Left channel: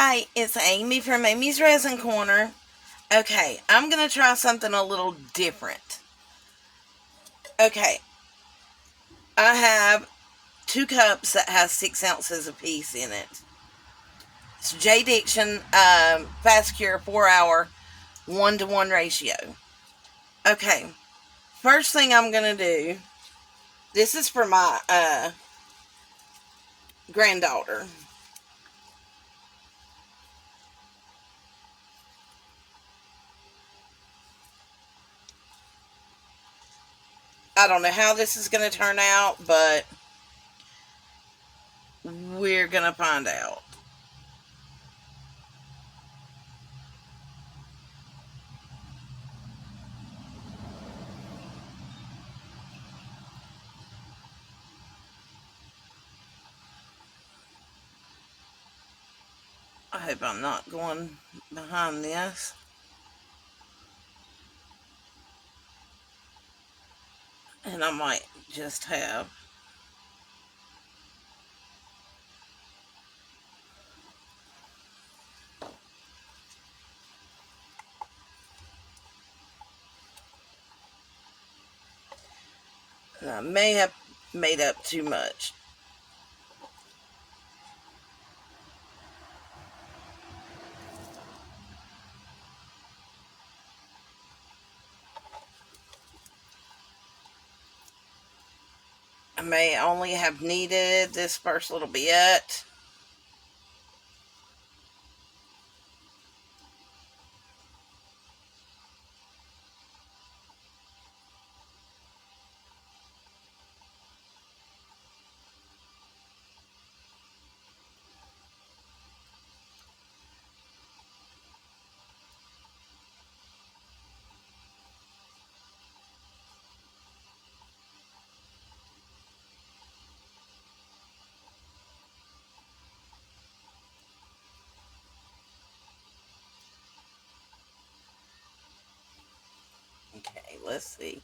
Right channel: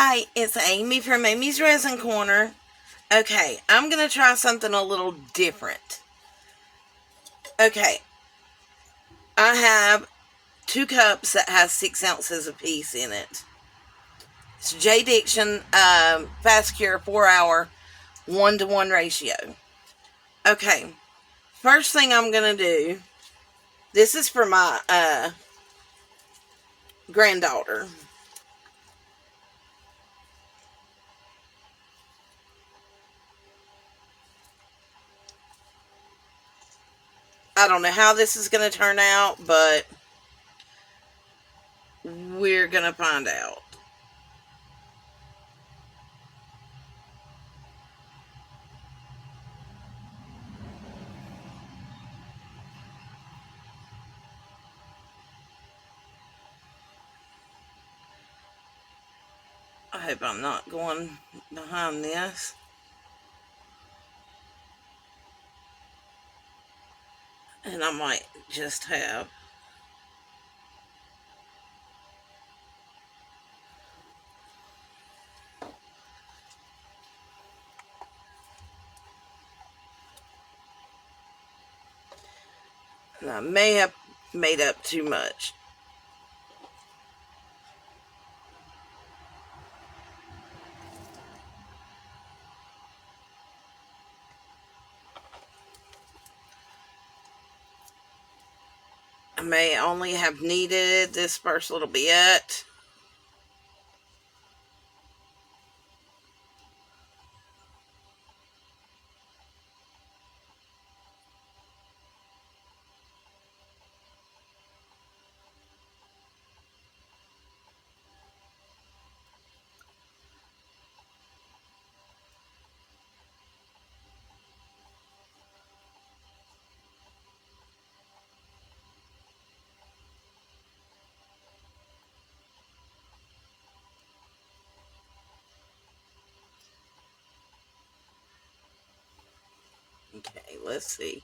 Hi, it's Amy from Amy's Resin Corner. Okay, I'm going to try something a little different. Okay, I have 2 cups that has 6 ounces apiece in it. It's J. Diction Fast Cure 4-hour 1-to-1 ratio. Okay, first thing I'm going to do, this is for my granddaughter. I don't know how this is going to turn out, but we're going to find out. I hope I'm not going behind this. And I might just have. And I may have made up too much. I may only have needed this first little bit. Okay, let's see.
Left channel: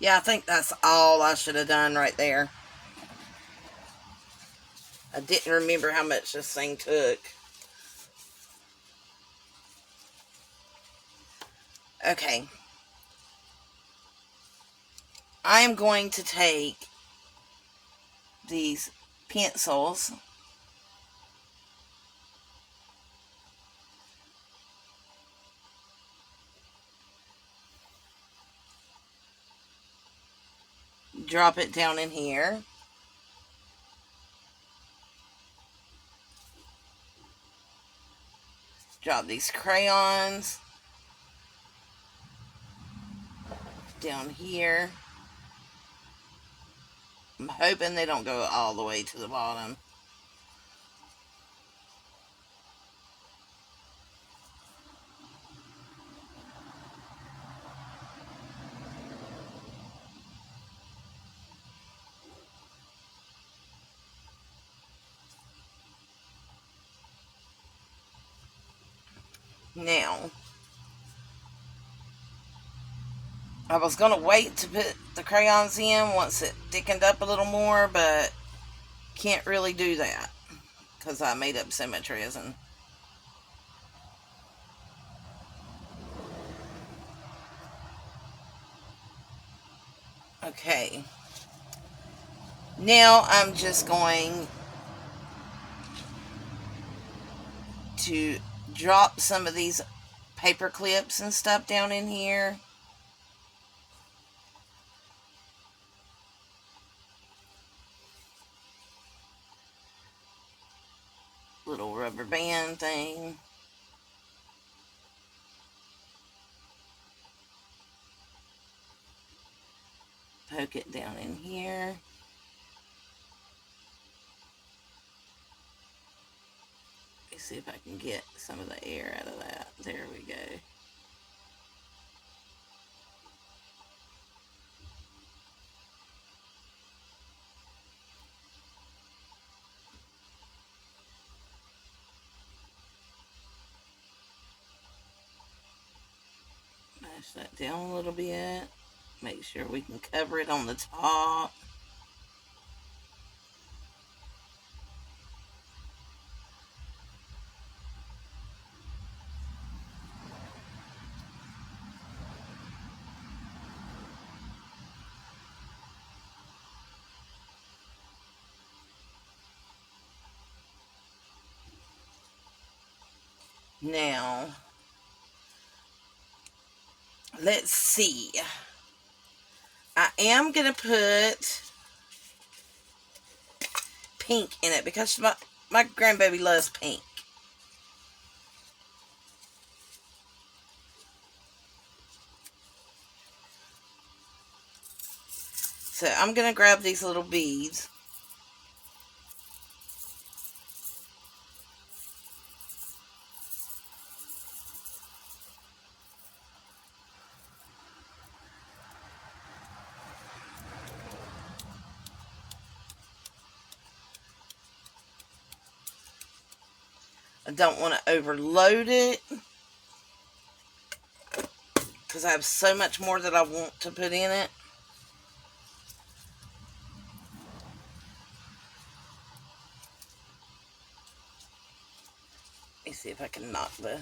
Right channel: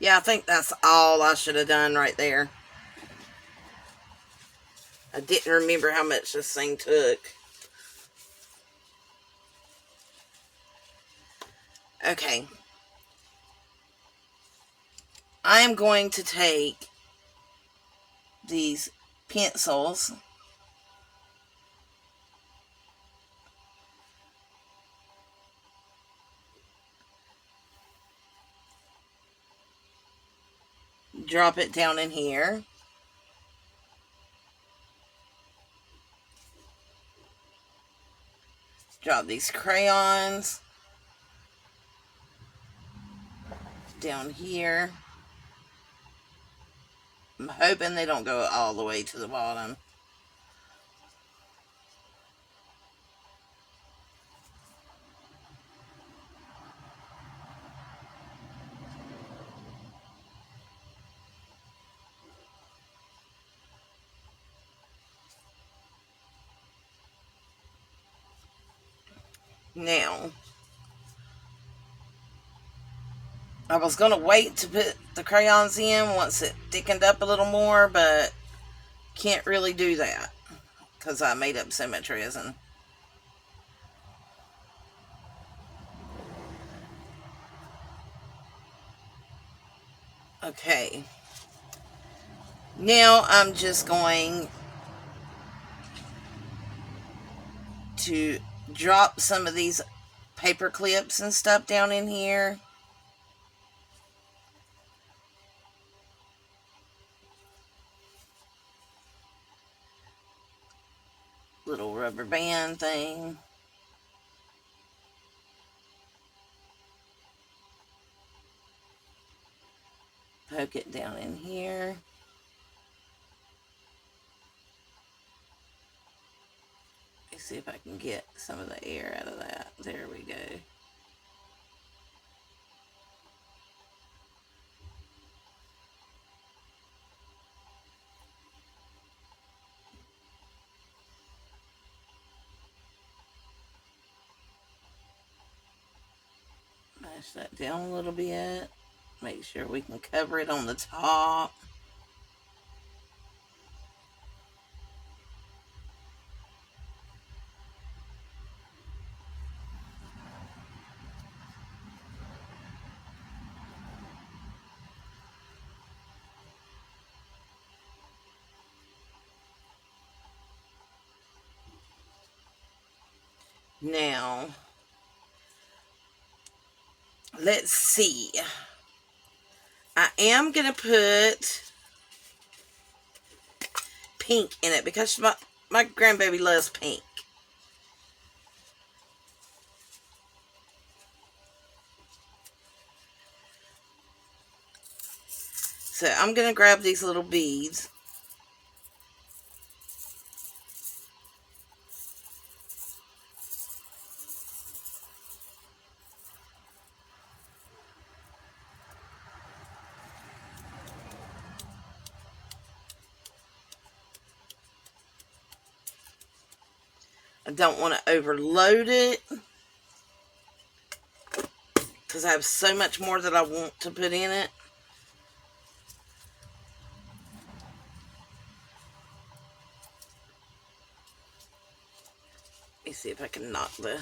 Yeah, I think that's all I should have done right there. I didn't remember how much this thing took. Okay. I am going to take these pencils drop it down in here. Drop these crayons down here. I'm hoping they don't go all the way to the bottom. Now, I was going to wait to put the crayons in once it thickened up a little more, but can't really do that because I made up so much resin. Okay. Now I'm just going to drop some of these paper clips and stuff down in here. Little rubber band thing. Poke it down in here. Let's see if I can get some of the air out of that. There we go. push that down a little bit. Make sure we can cover it on the top. Now, let's see. I am going to put pink in it because my grandbaby loves pink. So I'm going to grab these little beads. I don't want to overload it because I have so much more that I want to put in it. Let me see if I can knock the...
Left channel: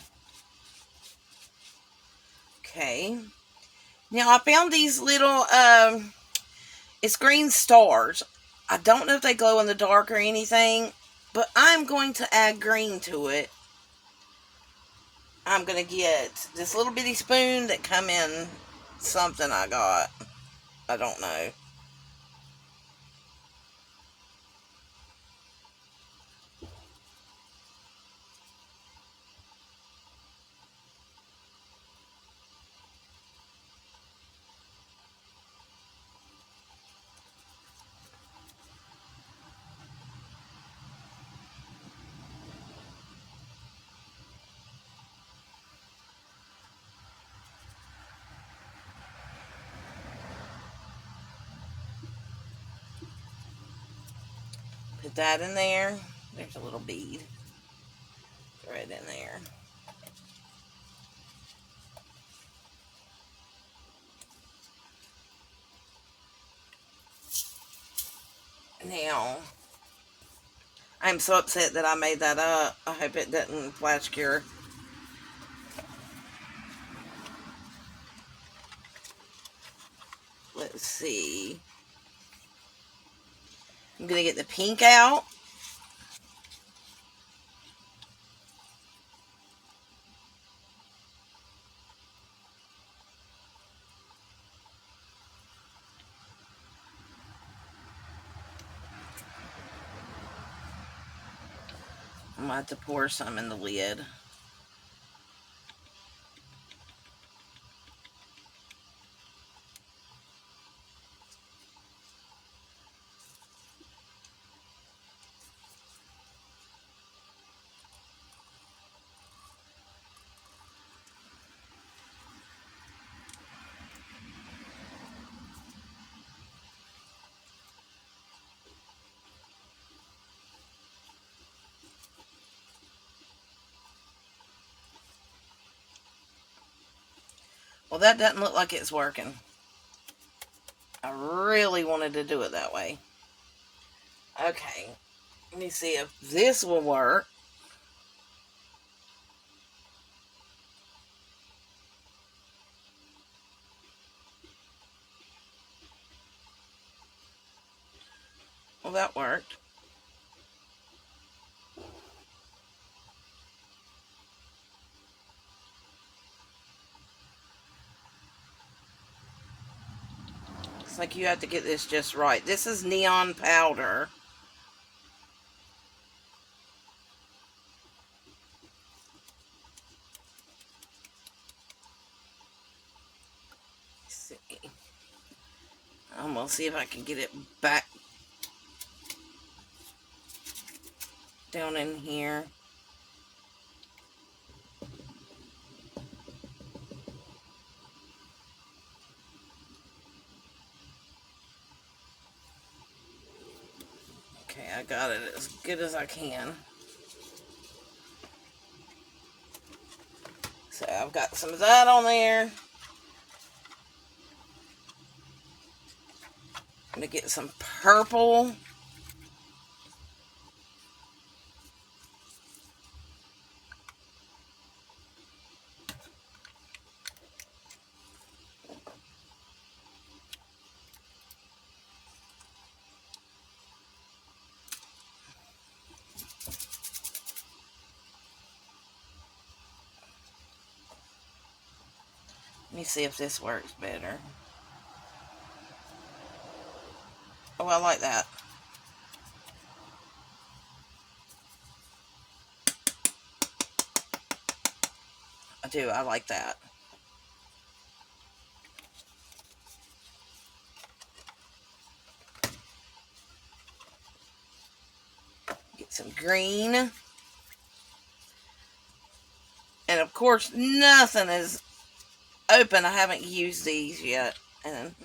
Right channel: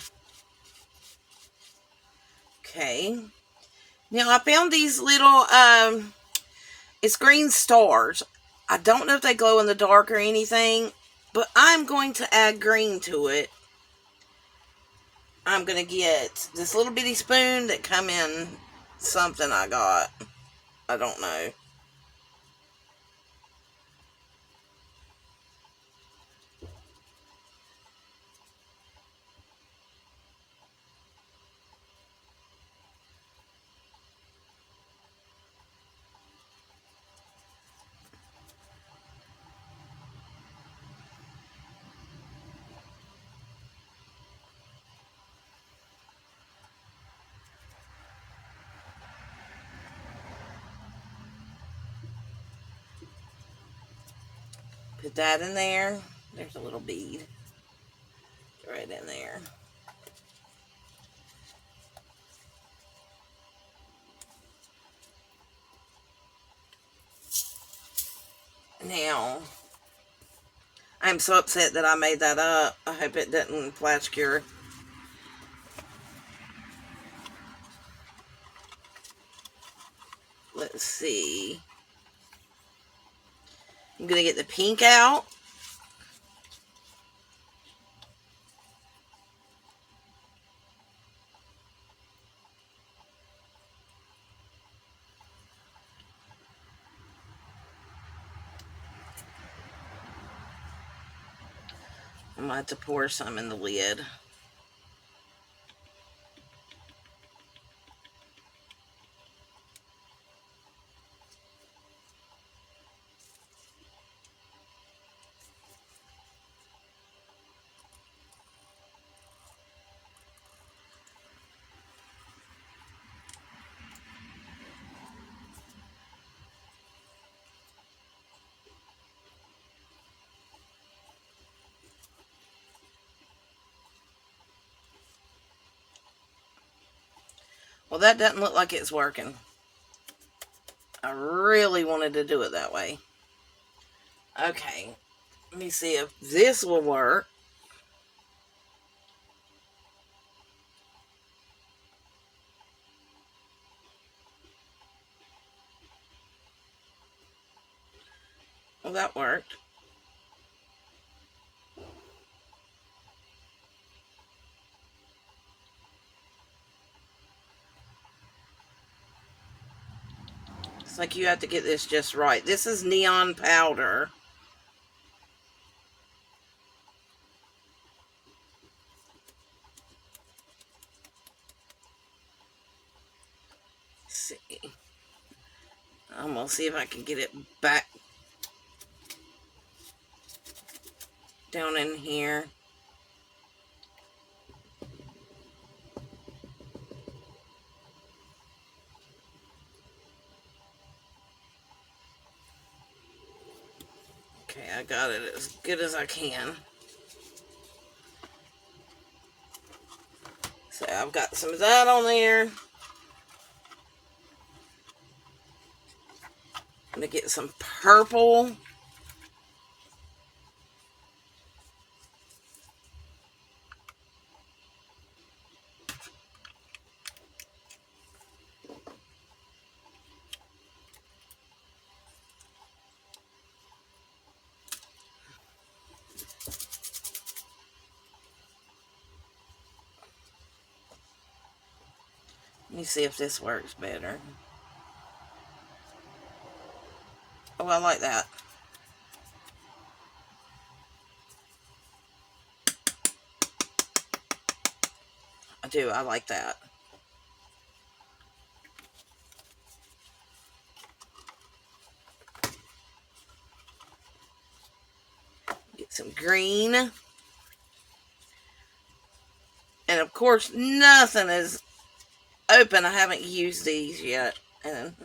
Okay. Now I found these little, it's green stars. I don't know if they glow in the dark or anything, but I'm going to add green to it. I'm going to get this little bitty spoon that come in something I got. I don't know. Put that in there. There's a little bead. Throw it in there. Now, I'm so upset that I made that up. I hope it didn't flash cure. Let's see. I'm going to get the pink out. I'm going to have to pour some in the lid. Well, that doesn't look like it's working. I really wanted to do it that way. Okay, let me see if this will work. Well, that worked. It's like you have to get this just right. This is neon powder. Let's see. I'm going to see if I can get it back down in here. Okay, I got it as good as I can. So I've got some of that on there. I'm going to get some purple. Let me see if this works better. Oh, I like that. I do. I like that. Get some green. And of course, nothing is open. I haven't used these yet. And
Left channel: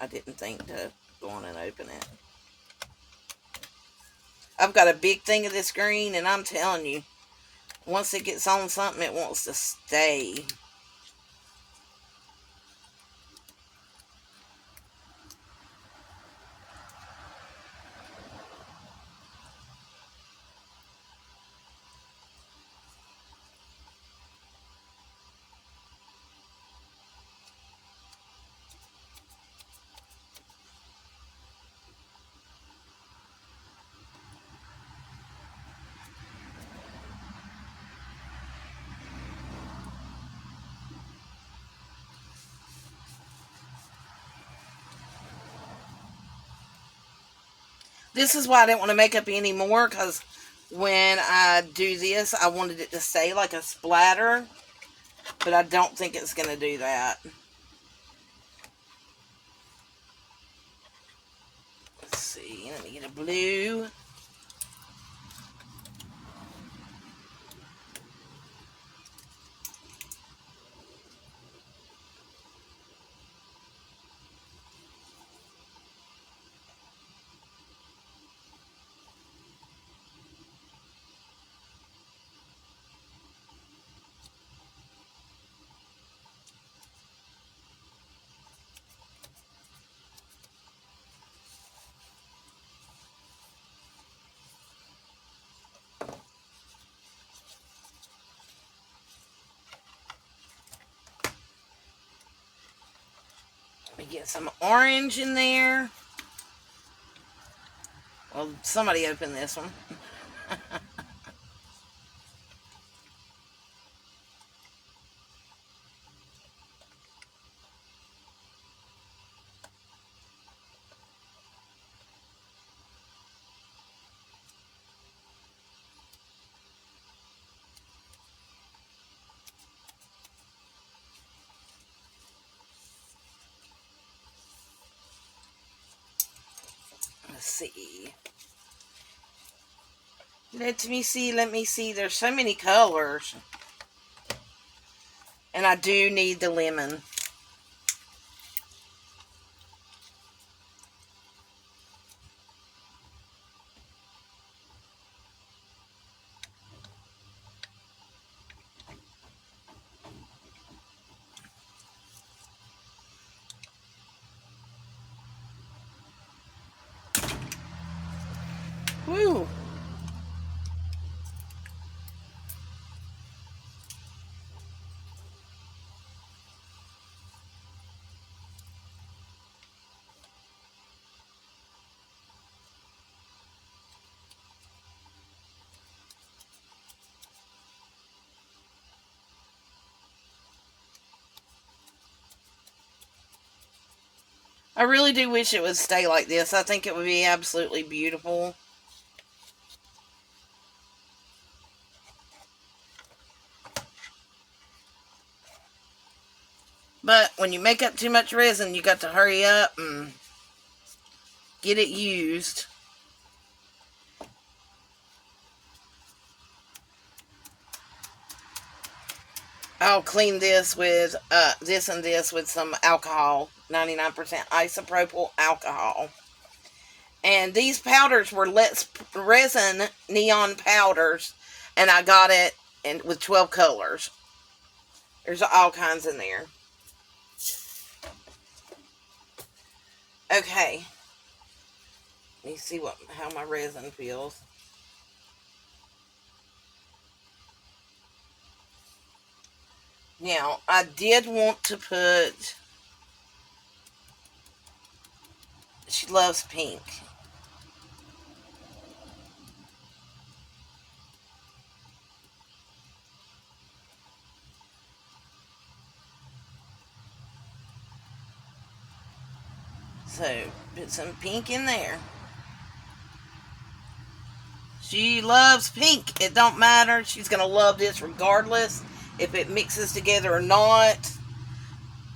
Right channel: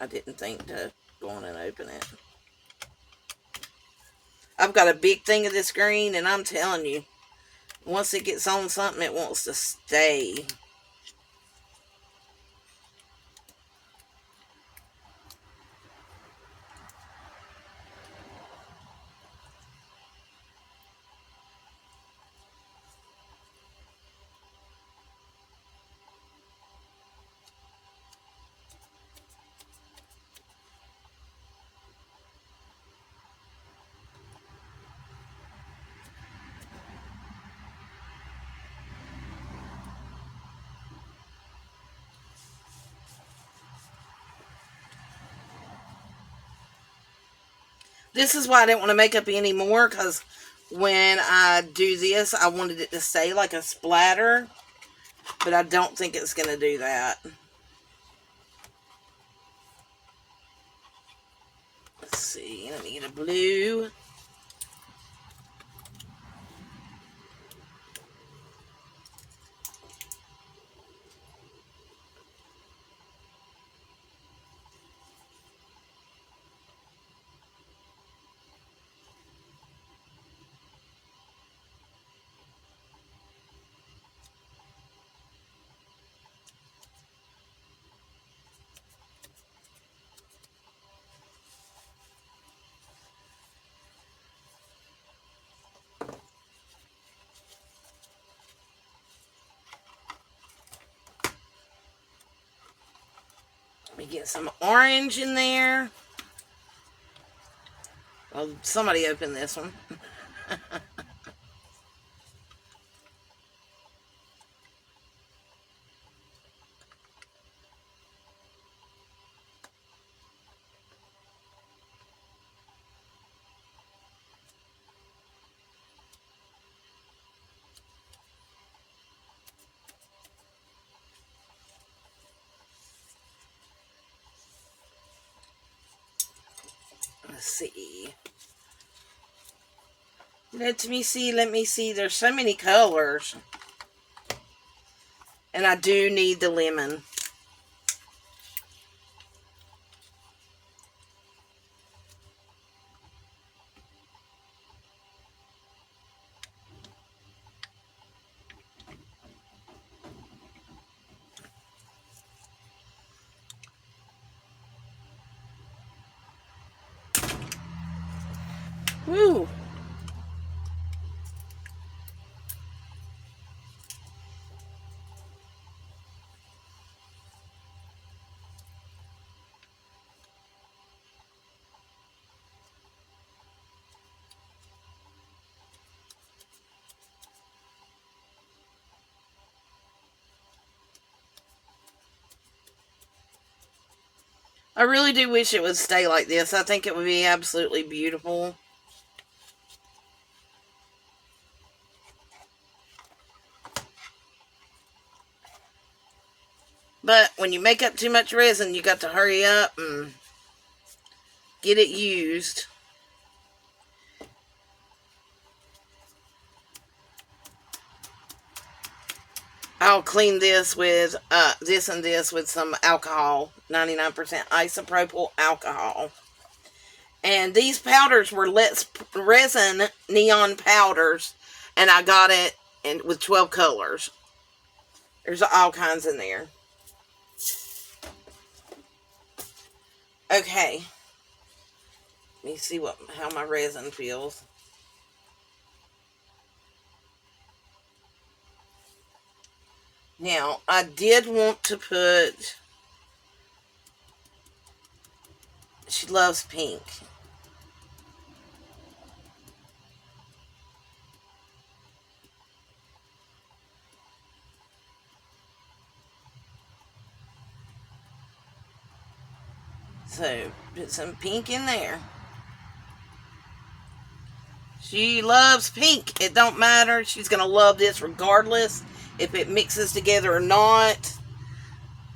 I didn't think to go on and open it. I've got a big thing of this green, and I'm telling you, once it gets on something, it wants to stay. This is why I didn't want to make up any more, because when I do this, I wanted it to stay like a splatter, but I don't think it's going to do that. Let's see, let me get a blue. Let me get some orange in there. Well, somebody opened this one. Let's see. Let me see. There's so many colors. And I do need the lemon. Woo! I really do wish it would stay like this. I think it would be absolutely beautiful. But when you make up too much resin, you got to hurry up and get it used. I'll clean this with this and this with some alcohol, 99% isopropyl alcohol. And these powders were Let's Resin neon powders, and I got it with 12 colors. There's all kinds in there. Okay. Let me see how my resin feels. Now, I did want to put, she loves pink. So, put some pink in there. She loves pink. It don't matter. She's going to love this regardless if it mixes together or not.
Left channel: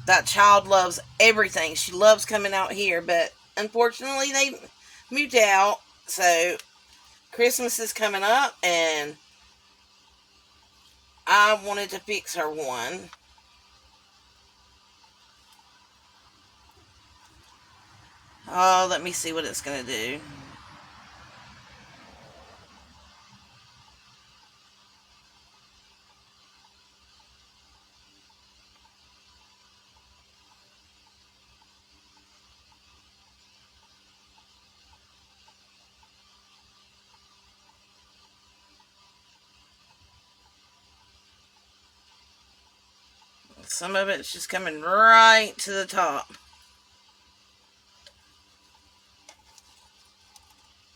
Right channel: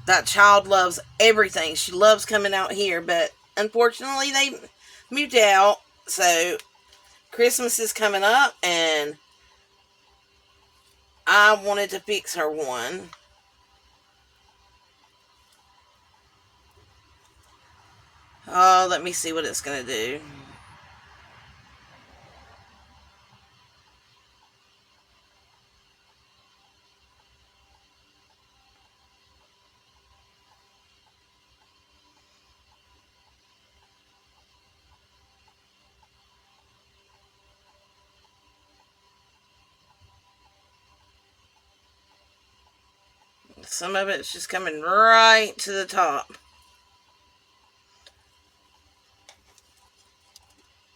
That child loves everything. She loves coming out here, but unfortunately they moved out. So Christmas is coming up and I wanted to fix her one. Oh, let me see what it's going to do. Some of it's just coming right to the top.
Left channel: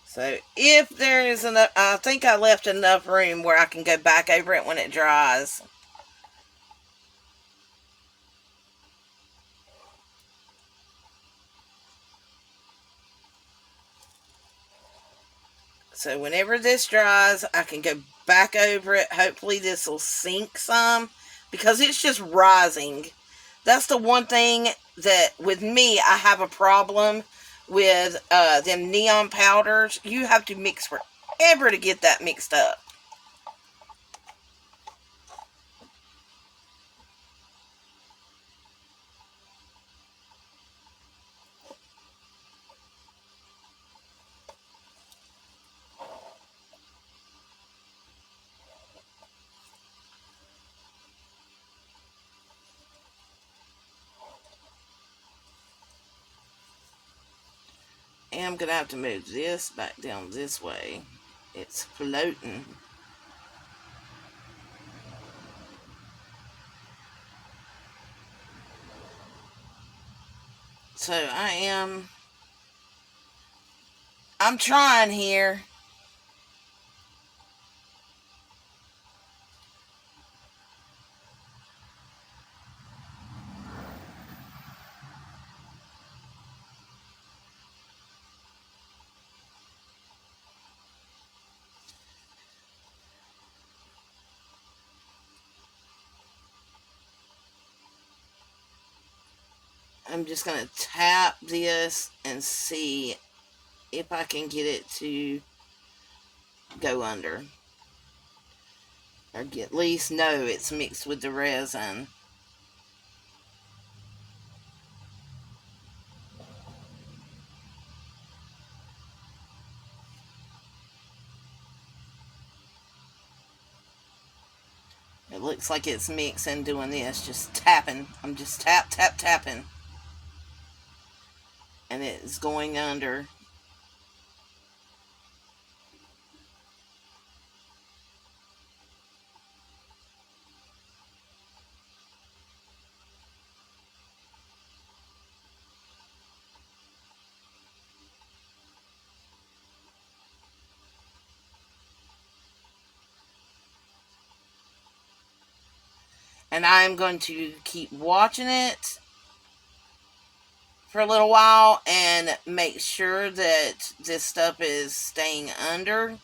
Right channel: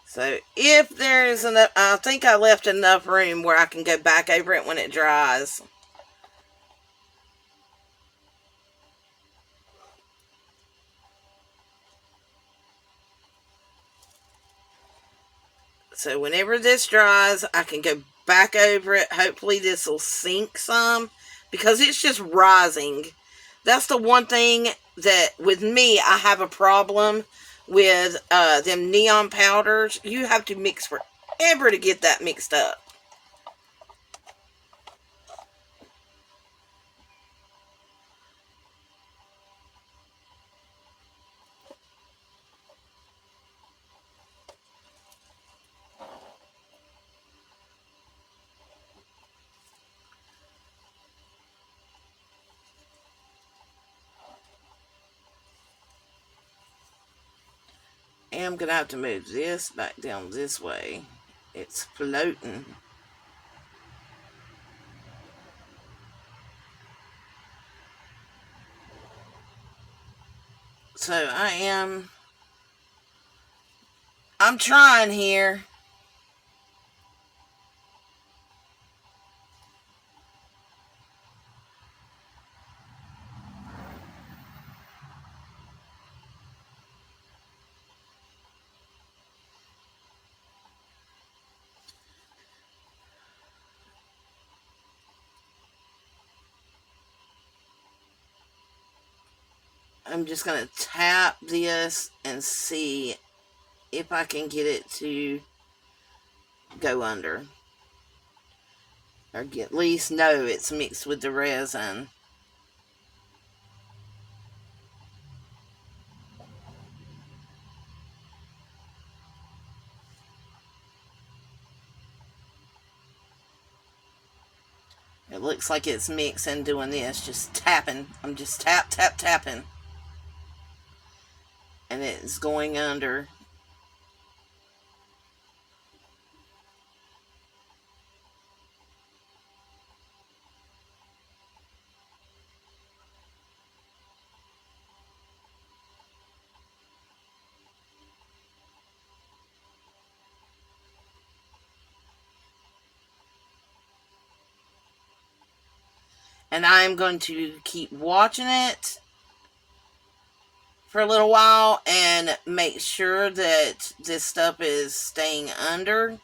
So if there is enough, I think I left enough room where I can go back over it when it dries. So whenever this dries, I can go back over it. Hopefully this will sink some because it's just rising. That's the one thing that with me, I have a problem with them neon powders. You have to mix forever to get that mixed up. And I'm going to have to move this back down this way. It's floating. So I'm trying here. I'm just going to tap this and see if I can get it to go under. Or at least know it's mixed with the resin. It looks like it's mixing, doing this, just tapping. I'm just tapping. And it's going under. And I'm going to keep watching it for a little while and make sure that this stuff is staying under.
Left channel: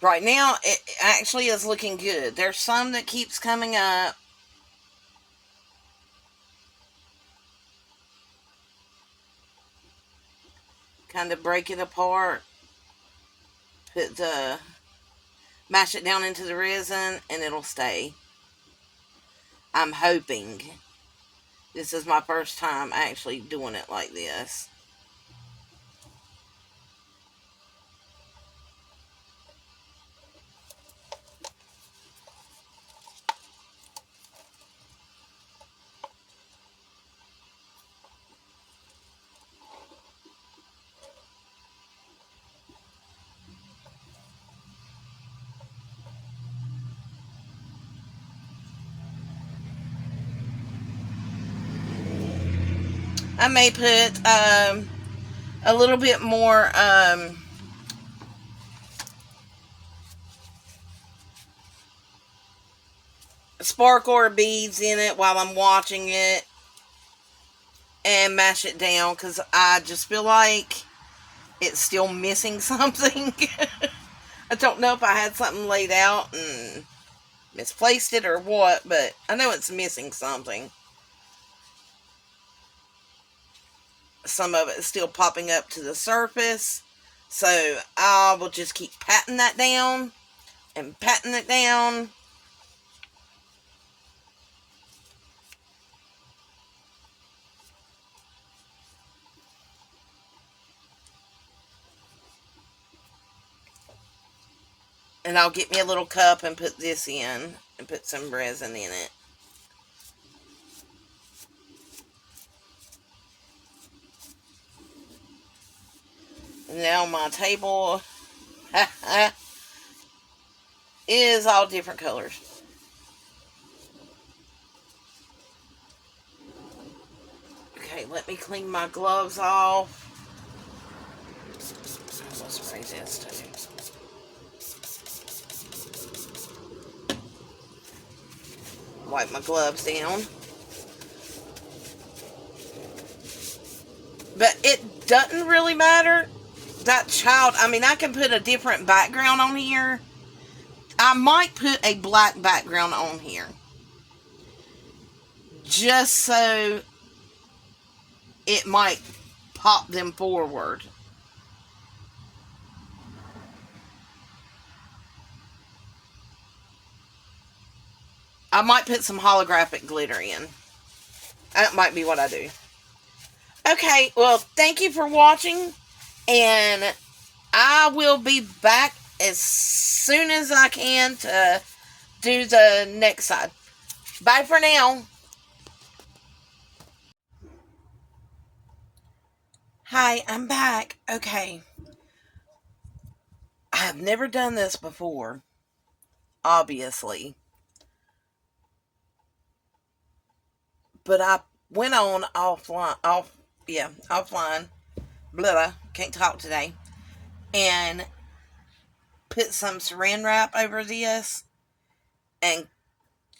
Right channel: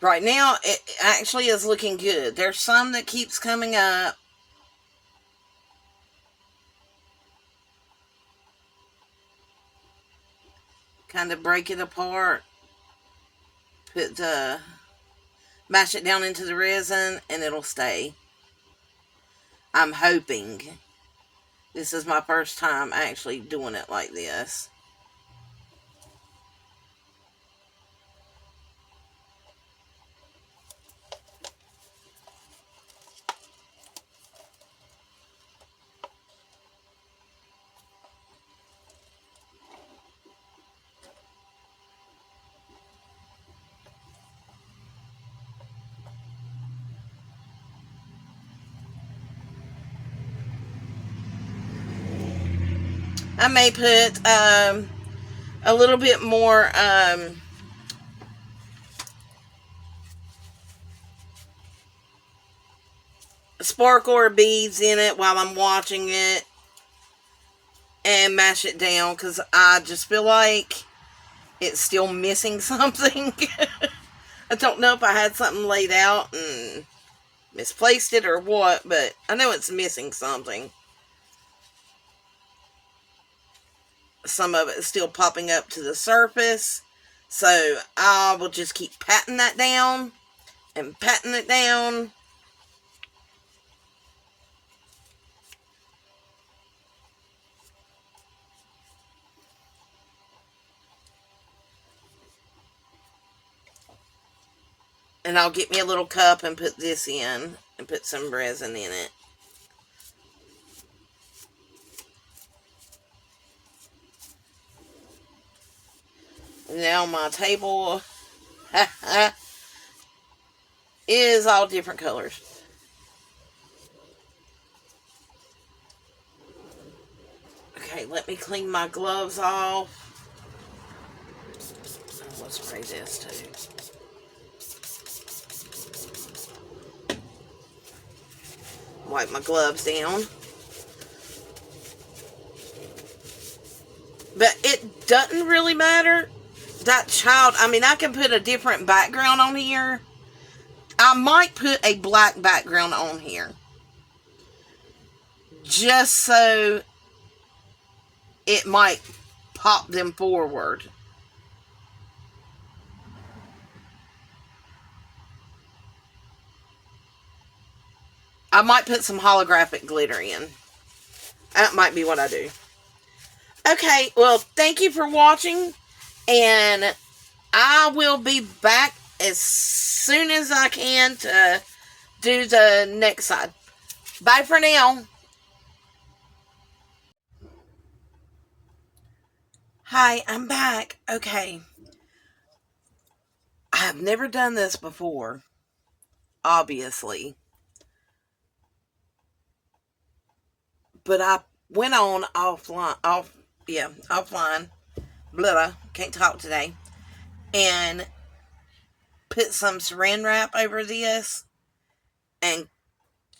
Right now, it actually is looking good. There's some that keeps coming up. Kind of break it apart. put the, mash it down into the resin and it'll stay. I'm hoping. This is my first time actually doing it like this. I may put a little bit more sparkle or beads in it while I'm watching it and mash it down, because I just feel like it's still missing something. I don't know if I had something laid out and misplaced it or what, but I know it's missing something. Some of it is still popping up to the surface, so I will just keep patting that down and patting it down. And I'll get me a little cup and put this in and put some resin in it. Now my table is all different colors. Okay, let me clean my gloves off. I'll spray this too. Wipe my gloves down. But it doesn't really matter. That child, I mean, I can put a different background on here. I might put a black background on here, just so it might pop them forward. I might put some holographic glitter in. That might be what I do. Okay, well, thank you for watching, and I will be back as soon as I can to do the next side. Bye for now. Hi, I'm back. Okay. I have never done this before, obviously. But I went on offline, offline, blah, can't talk today, and put some saran wrap over this and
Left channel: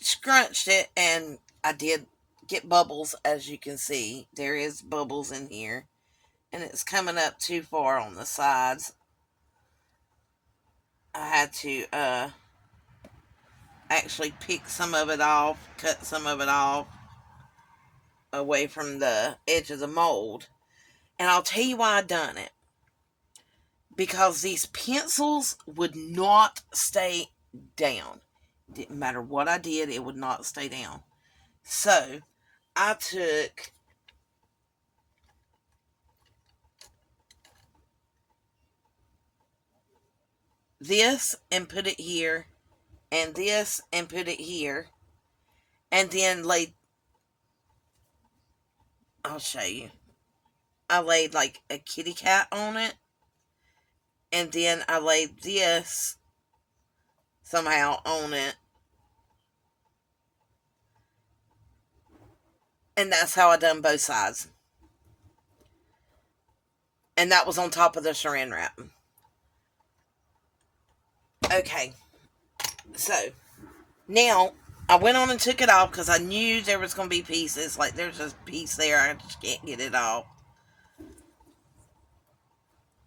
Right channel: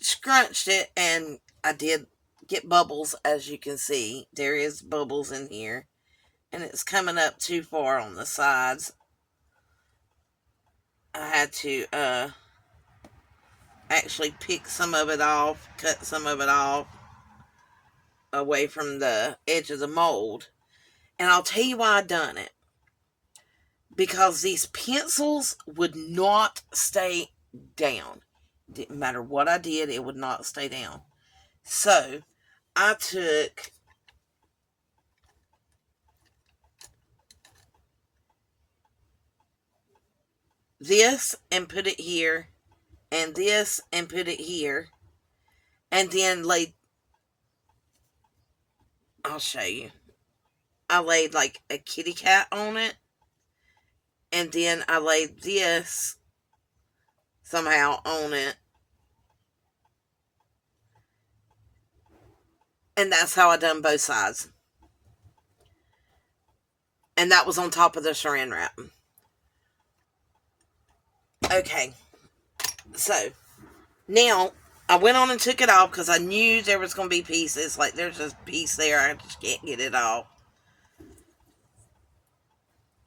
scrunched it, and I did get bubbles, as you can see. There is bubbles in here, and it's coming up too far on the sides. I had to actually pick some of it off, cut some of it off away from the edge of the mold. And I'll tell you why I done it. Because these pencils would not stay down. Didn't matter what I did, it would not stay down. So I took this and put it here, and this and put it here, and then laid, I'll show you. I laid like a kitty cat on it, and then I laid this somehow on it. And that's how I done both sides. And that was on top of the saran wrap. Okay. So, now, I went on and took it off because I knew there was going to be pieces. Like, there's a piece there. I just can't get it off.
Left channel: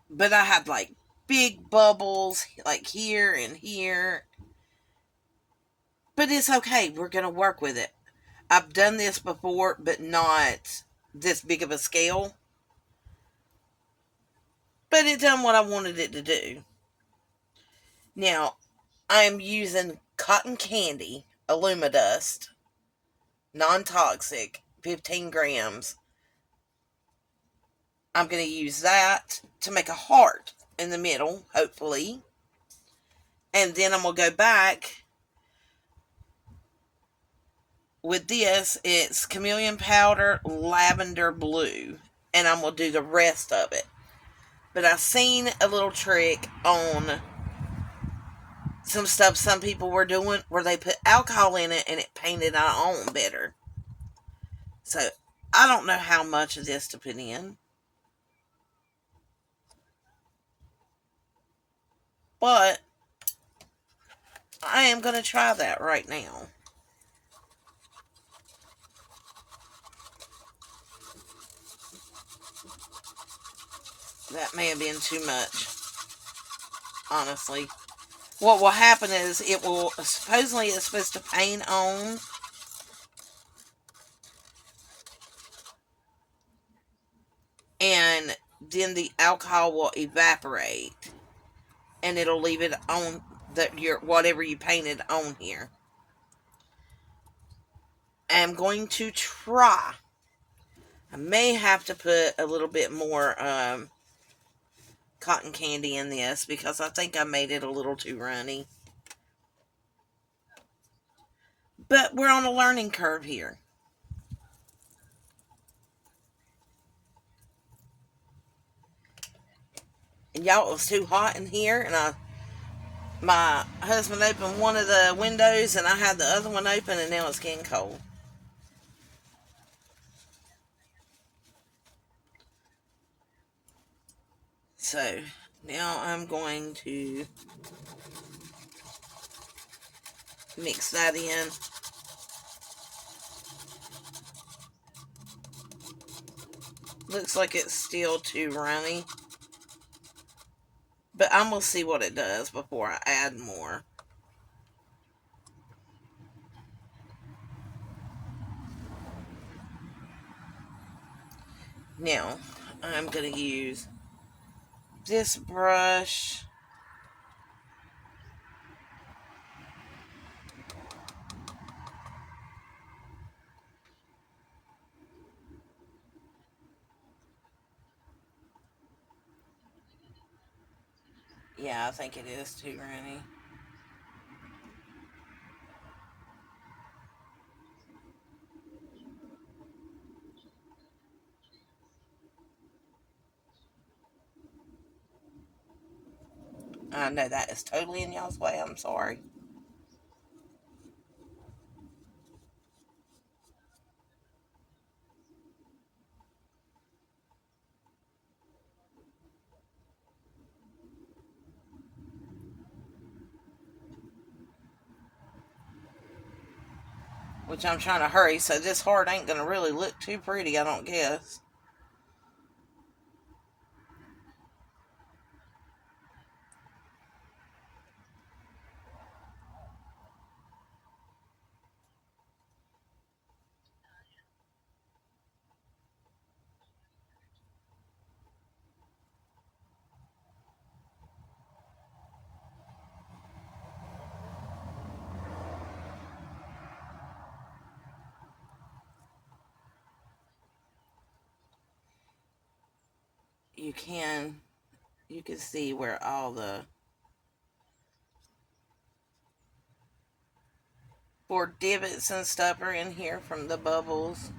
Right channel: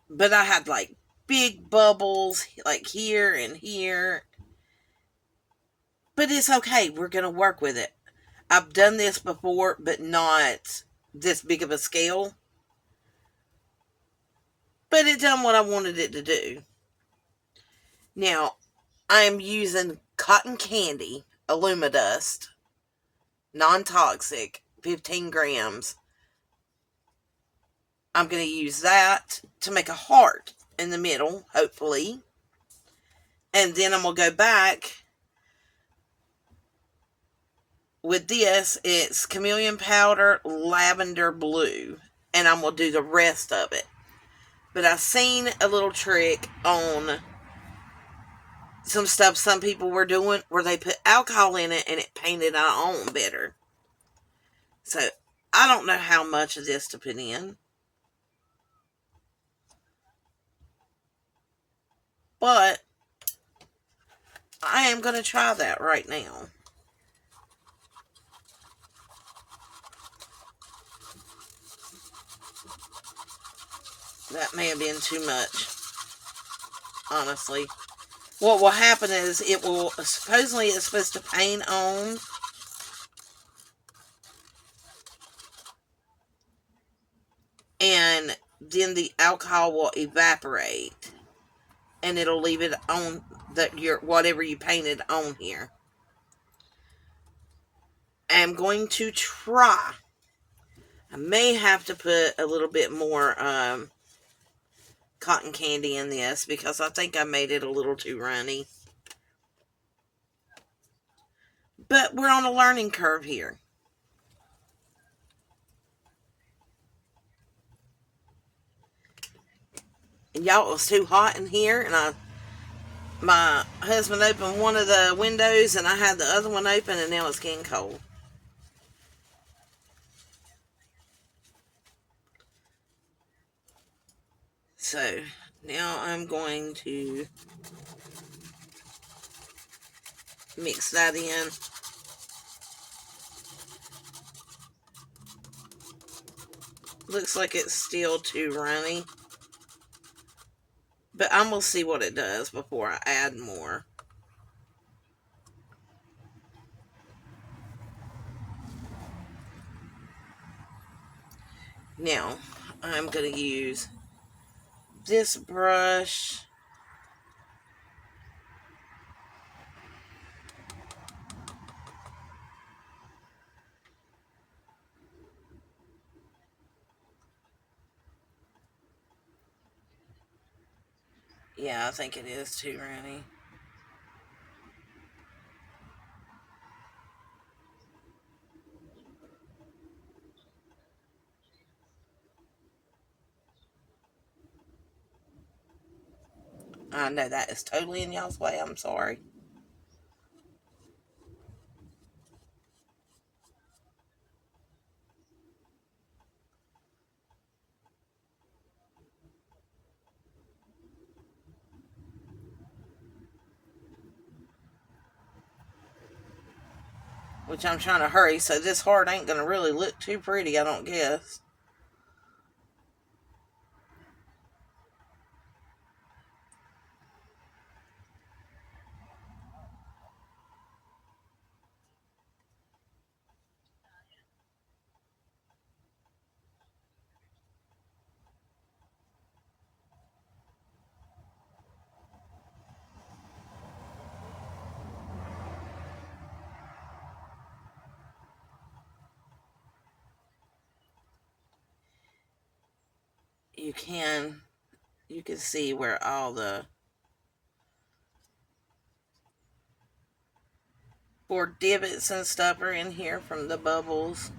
But I had, like, big bubbles, like, here and here. But it's okay. We're going to work with it. I've done this before, but not this big of a scale. But it done what I wanted it to do. Now, I'm using cotton candy, Alumidust, non-toxic, 15 grams. I'm going to use that to make a heart in the middle, hopefully. And then I'm going to go back with this. It's chameleon powder, lavender blue. And I'm going to do the rest of it. But I seen a little trick on some stuff some people were doing where they put alcohol in it and it painted on better. So I don't know how much of this to put in. But I am going to try that right now. That may have been too much, honestly. What will happen is it will, supposedly it's supposed to paint on. And then the alcohol will evaporate. And it'll leave it on your whatever you painted on here. I'm going to try. I may have to put a little bit more cotton candy in this because I think I made it a little too runny. But we're on a learning curve here. And y'all, it was too hot in here, and my husband opened one of the windows and I had the other one open, and now it's getting cold. So now I'm going to mix that in. Looks like it's still too runny, but I'm going to see what it does before I add more. Now I'm going to use this brush. Yeah, I think it is too runny. I know that is totally in y'all's way. I'm sorry. Which I'm trying to hurry, so this heart ain't going to really look too pretty, I don't guess. You can see where all the 4 divots and stuff are in here from the bubbles.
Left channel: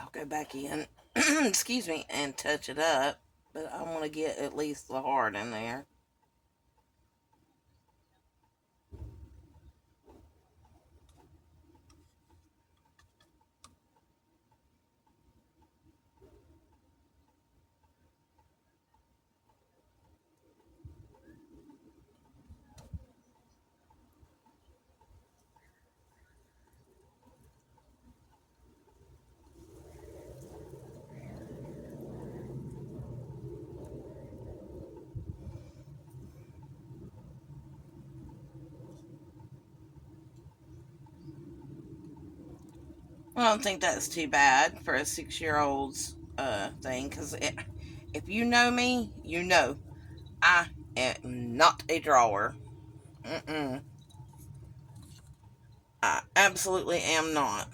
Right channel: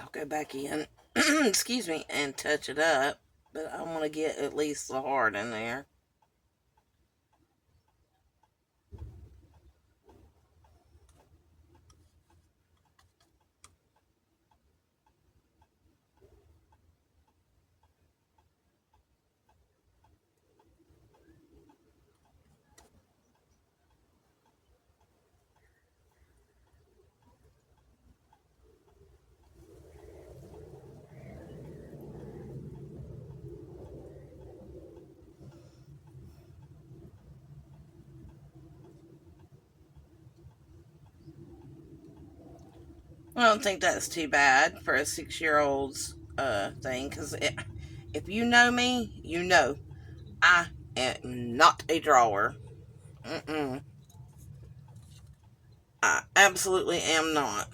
I'll go back in, excuse me, and touch it up. But I want to get at least the heart in there. I don't think that's too bad for a 6-year-old's thing. Because if you know me, you know I am not a drawer. Mm-mm. I absolutely am not.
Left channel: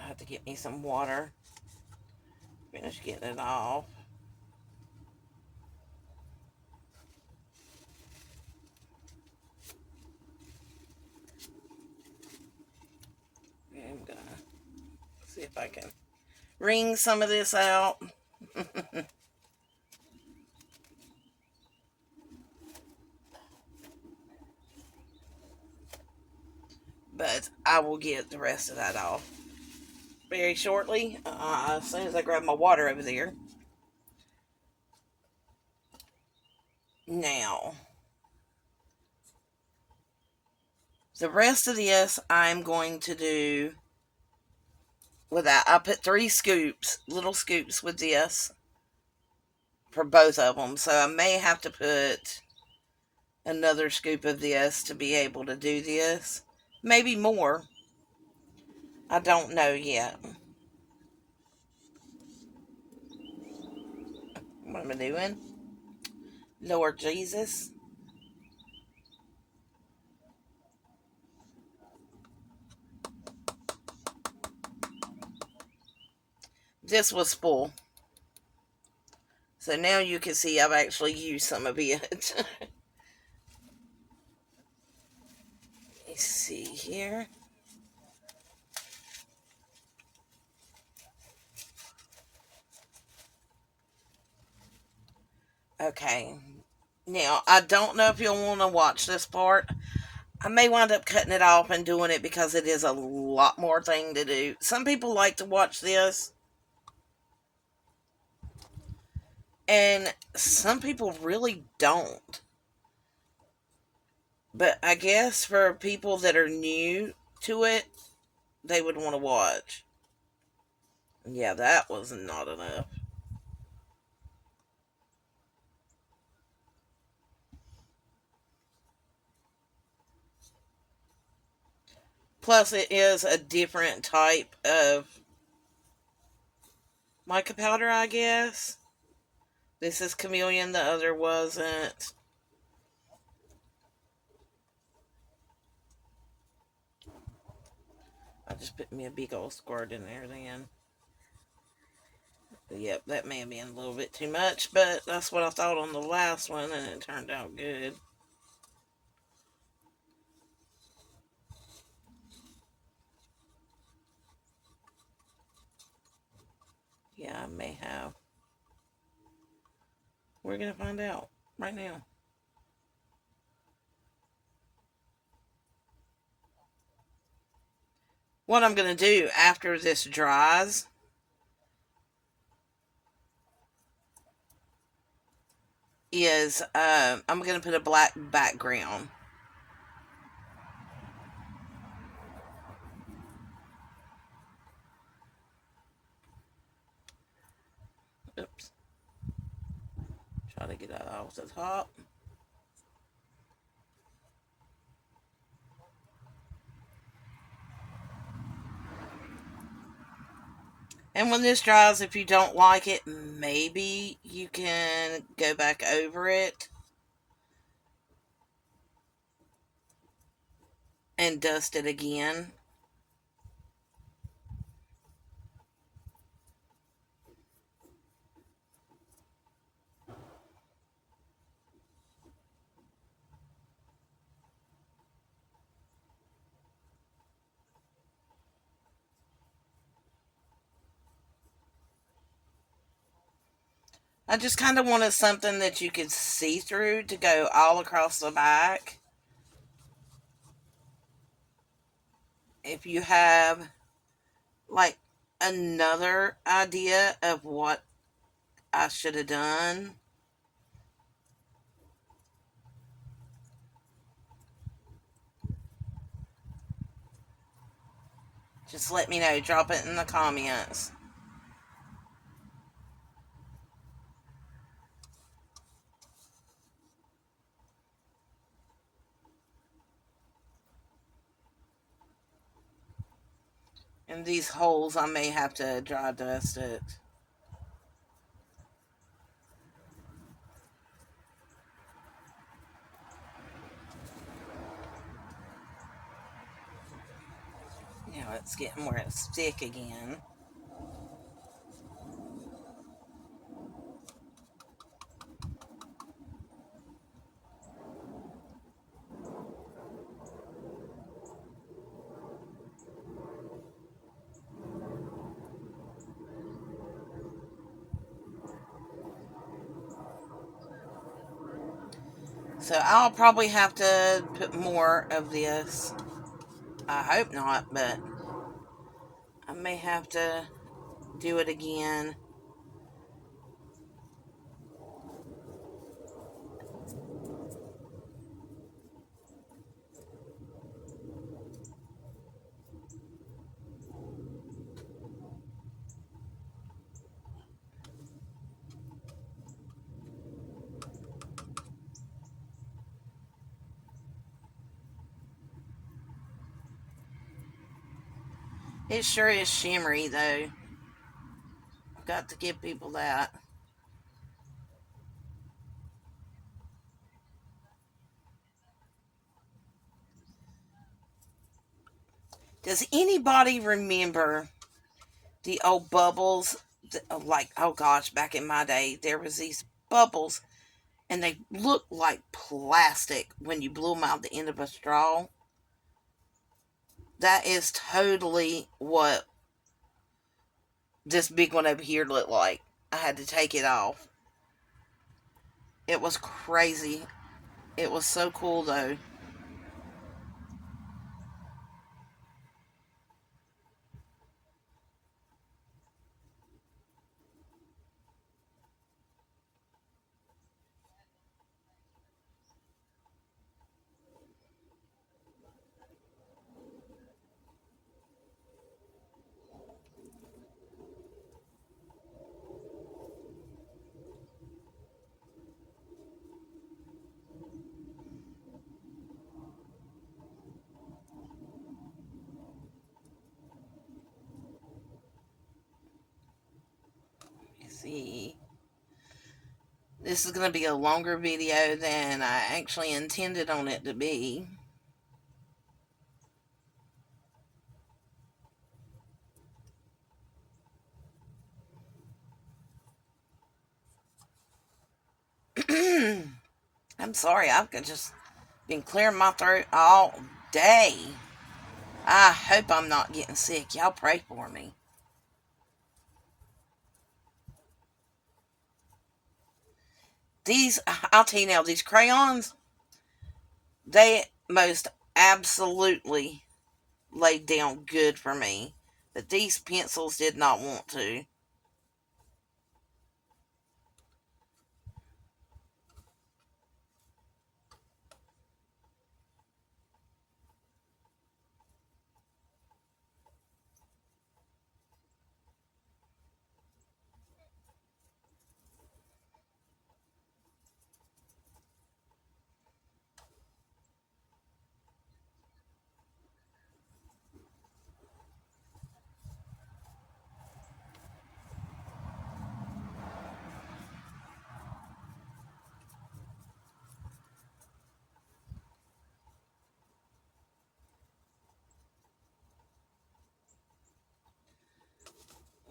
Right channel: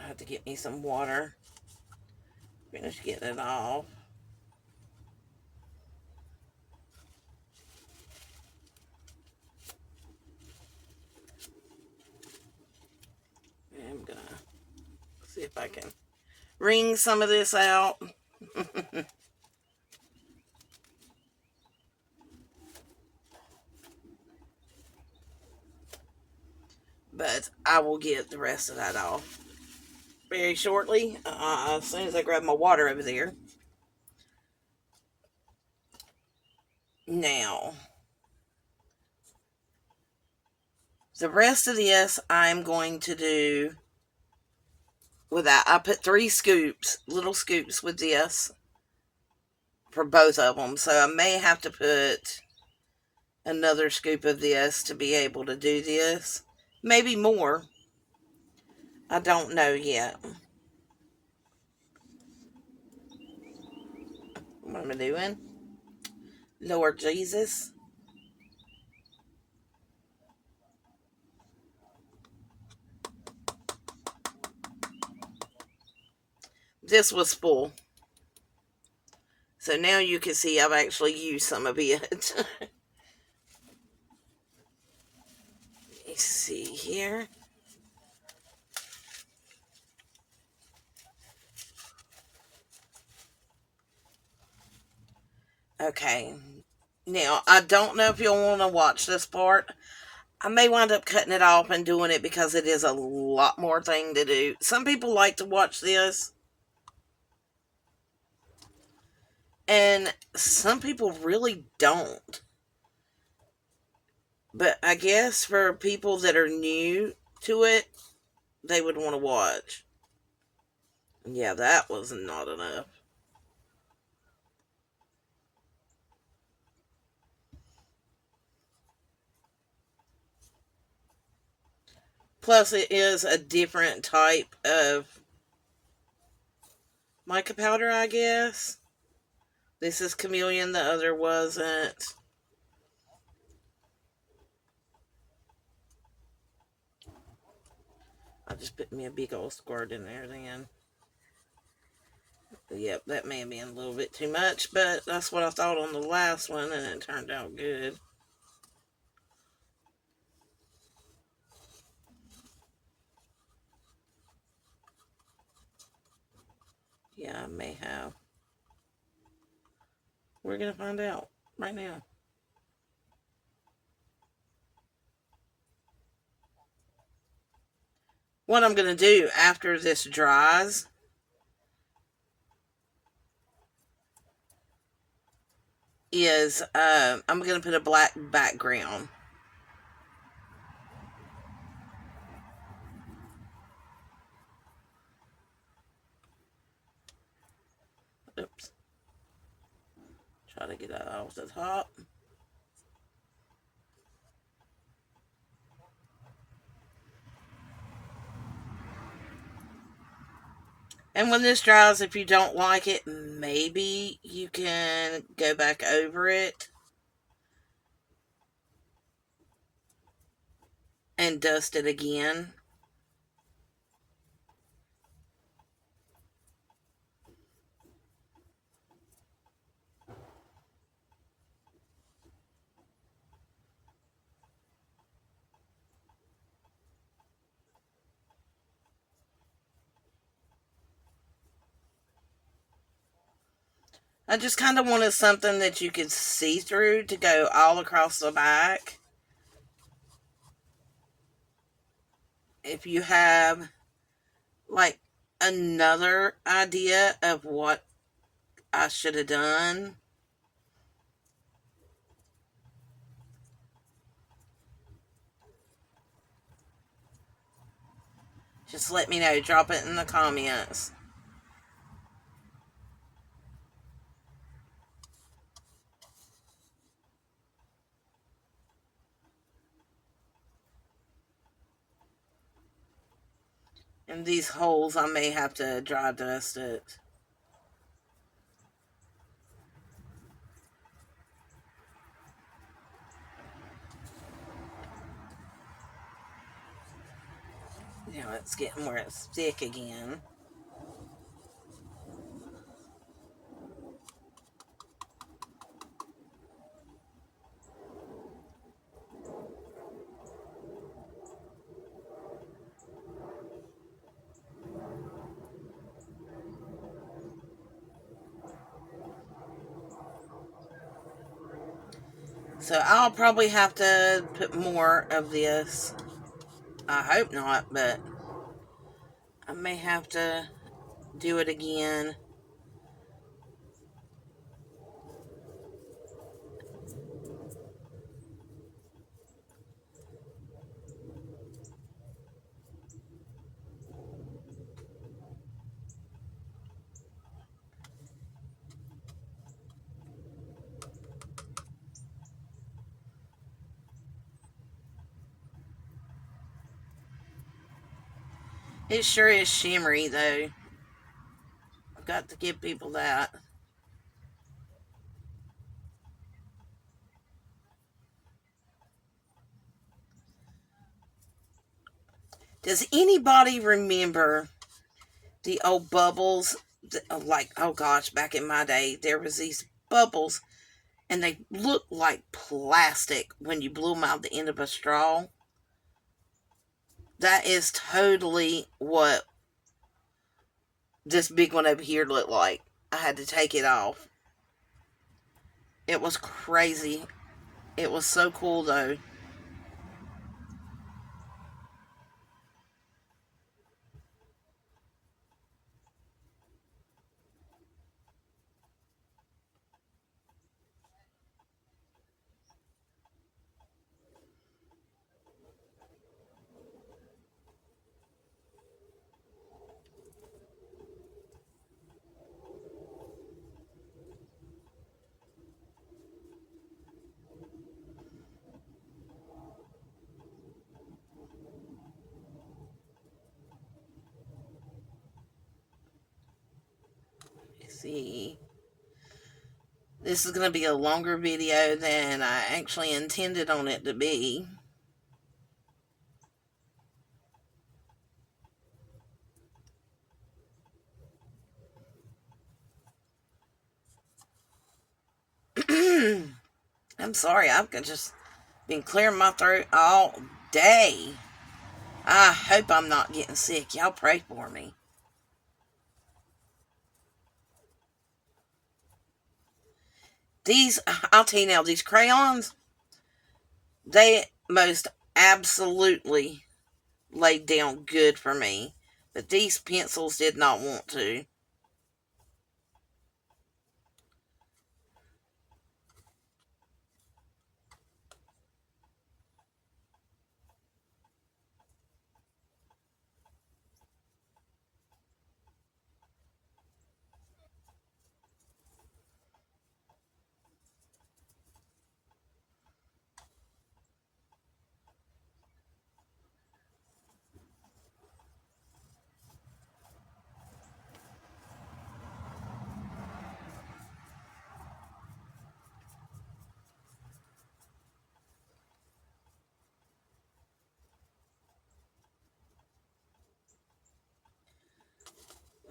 I have to get me some water. Finish getting it off. I'm gonna see if I can wring some of this out. But I will get the rest of that off very shortly, as soon as I grab my water over there. Now, the rest of this I'm going to do without. I put 3 scoops, little scoops with this for both of them. So I may have to put another scoop of this to be able to do this. Maybe more. I don't know yet. What am I doing? Lord Jesus. This was full. So now you can see I've actually used some of it. Let's see here. Okay. Now, I don't know if you'll want to watch this part. I may wind up cutting it off and doing it because it is a lot more thing to do. Some people like to watch this, and some people really don't. But I guess for people that are new to it, they would want to watch. Yeah, that was not enough. Plus, it is a different type of mica powder, I guess. This is chameleon, the other wasn't. I just put me a big old squirt in there then. Yep, that may have been a little bit too much, but that's what I thought on the last one, and it turned out good. Yeah, I may have. We're going to find out right now. What I'm going to do after this dries is I'm going to put a black background. Oops. Try to get that off the top. And when this dries, if you don't like it, maybe you can go back over it and dust it again. I just kind of wanted something that you could see through to go all across the back. If you have like another idea of what I should have done, just let me know. Drop it in the comments. And these holes, I may have to dry dust it. Now it's getting where it's thick again. So I'll probably have to put more of this. I hope not, but I may have to do it again. It sure is shimmery though. I've got to give people that. Does anybody remember the old bubbles? Like, oh gosh, back in my day, there was these bubbles and they looked like plastic when you blew them out the end of a straw. That is totally what this big one over here looked like. I had to take it off. It was crazy. It was so cool though. You see, this is going to be a longer video than I actually intended on it to be. I'm sorry, I've just been clearing my throat all day. I hope I'm not getting sick. Y'all pray for me. These, I'll tell you now, these crayons, they most absolutely laid down good for me. But these pencils did not want to.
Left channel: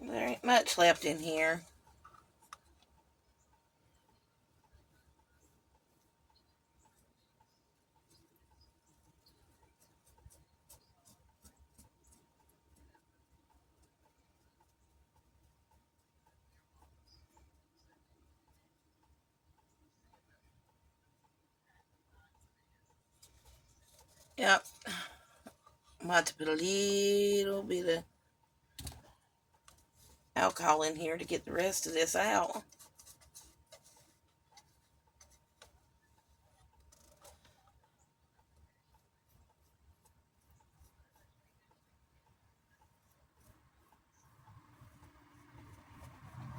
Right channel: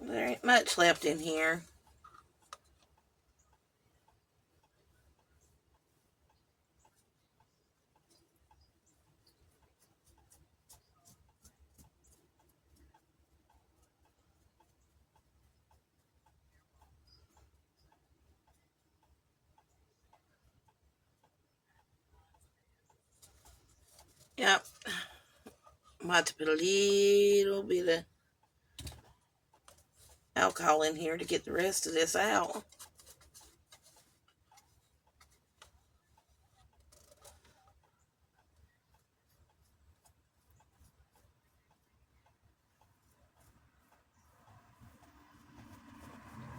There ain't much left in here. Yep. I'm going to have to put a little bit of alcohol in here to get the rest of this out.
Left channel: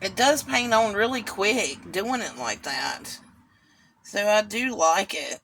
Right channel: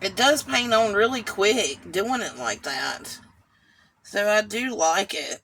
It does paint on really quick doing it like that. So I do like it.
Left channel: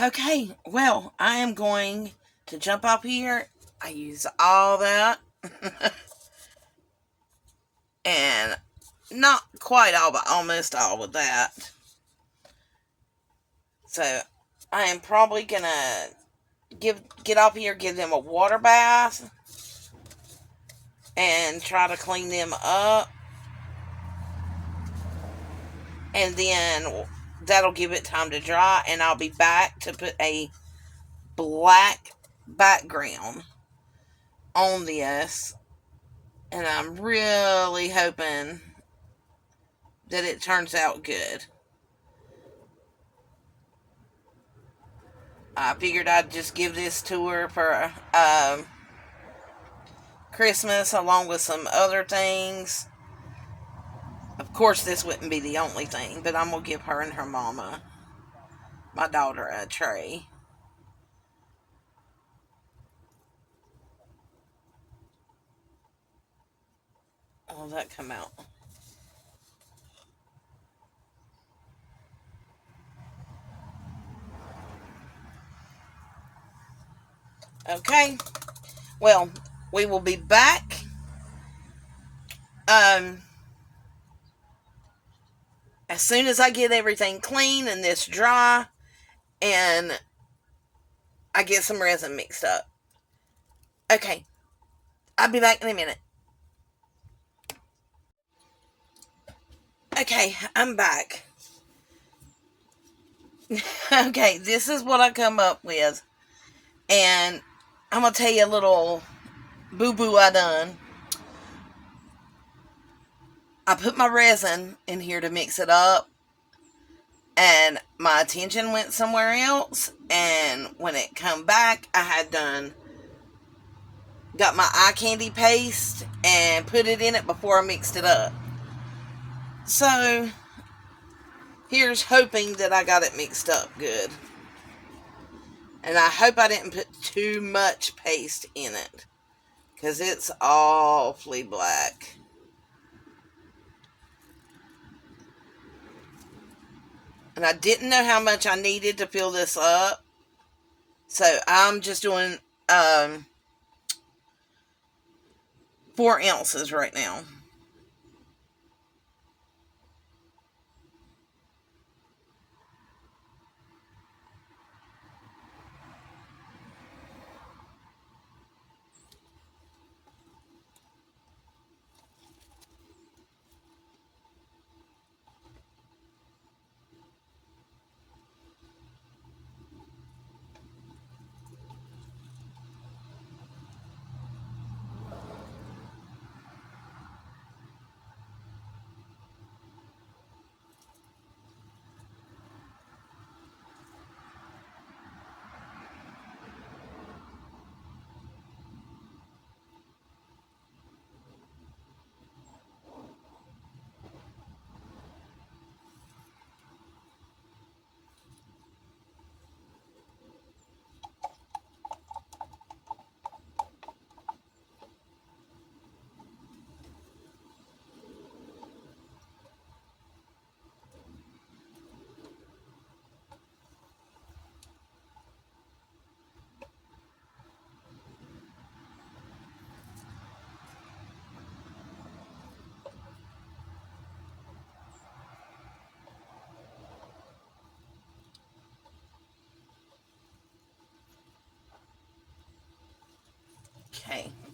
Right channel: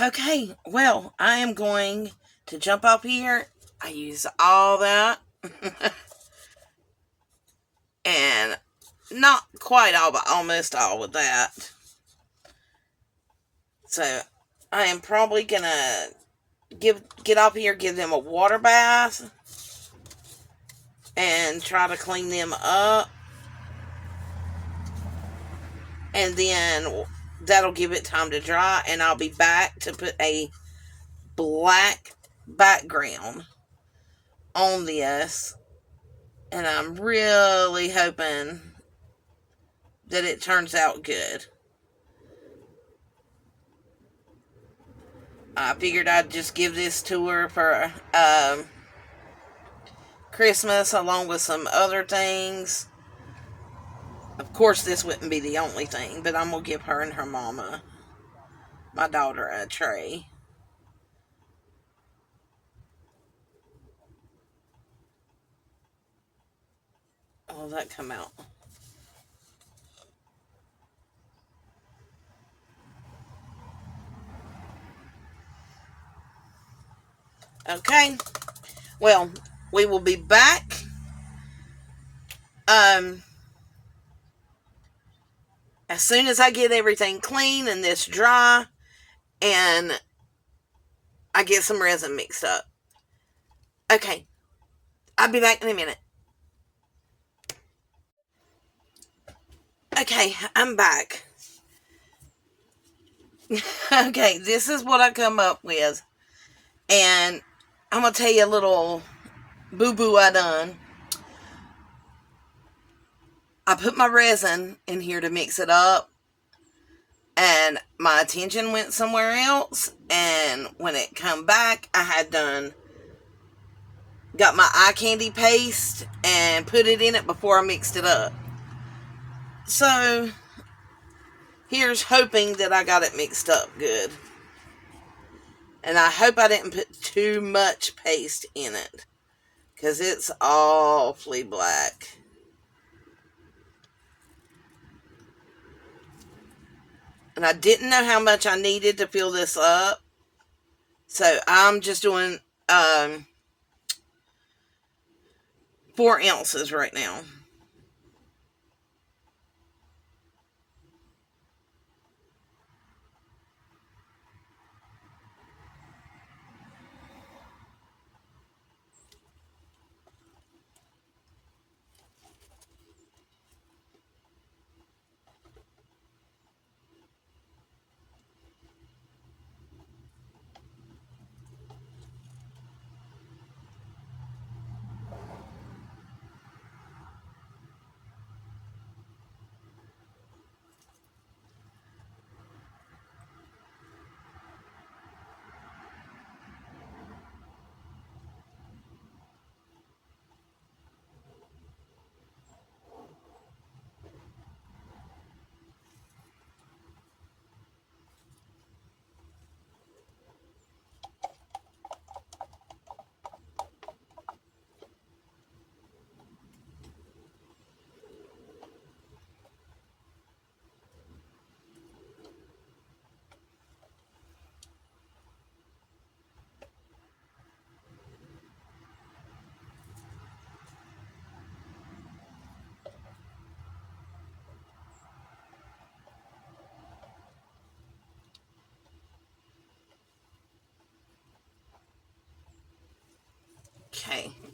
Okay, well, I am going to jump up here. I use all that. And not quite all, but almost all with that. So I am probably gonna get up here, give them a water bath, and try to clean them up. And then that'll give it time to dry, and I'll be back to put a black background on this. And I'm really hoping that it turns out good. I figured I'd just give this to her for Christmas along with some other things. Of course, this wouldn't be the only thing, but I'm going to give her and her mama, my daughter, a tray. Oh, that come out. Okay. Well, we will be back. As soon as I get everything clean and this dry, and I get some resin mixed up. Okay. I'll be back in a minute. Okay, I'm back. Okay, this is what I come up with. And I'm going to tell you a little boo-boo I done. I put my resin in here to mix it up, and my attention went somewhere else, and when it come back, I had got my eye candy paste and put it in it before I mixed it up. So here's hoping that I got it mixed up good. And I hope I didn't put too much paste in it, because it's awfully black. And I didn't know how much I needed to fill this up. So I'm just doing 4 ounces right now.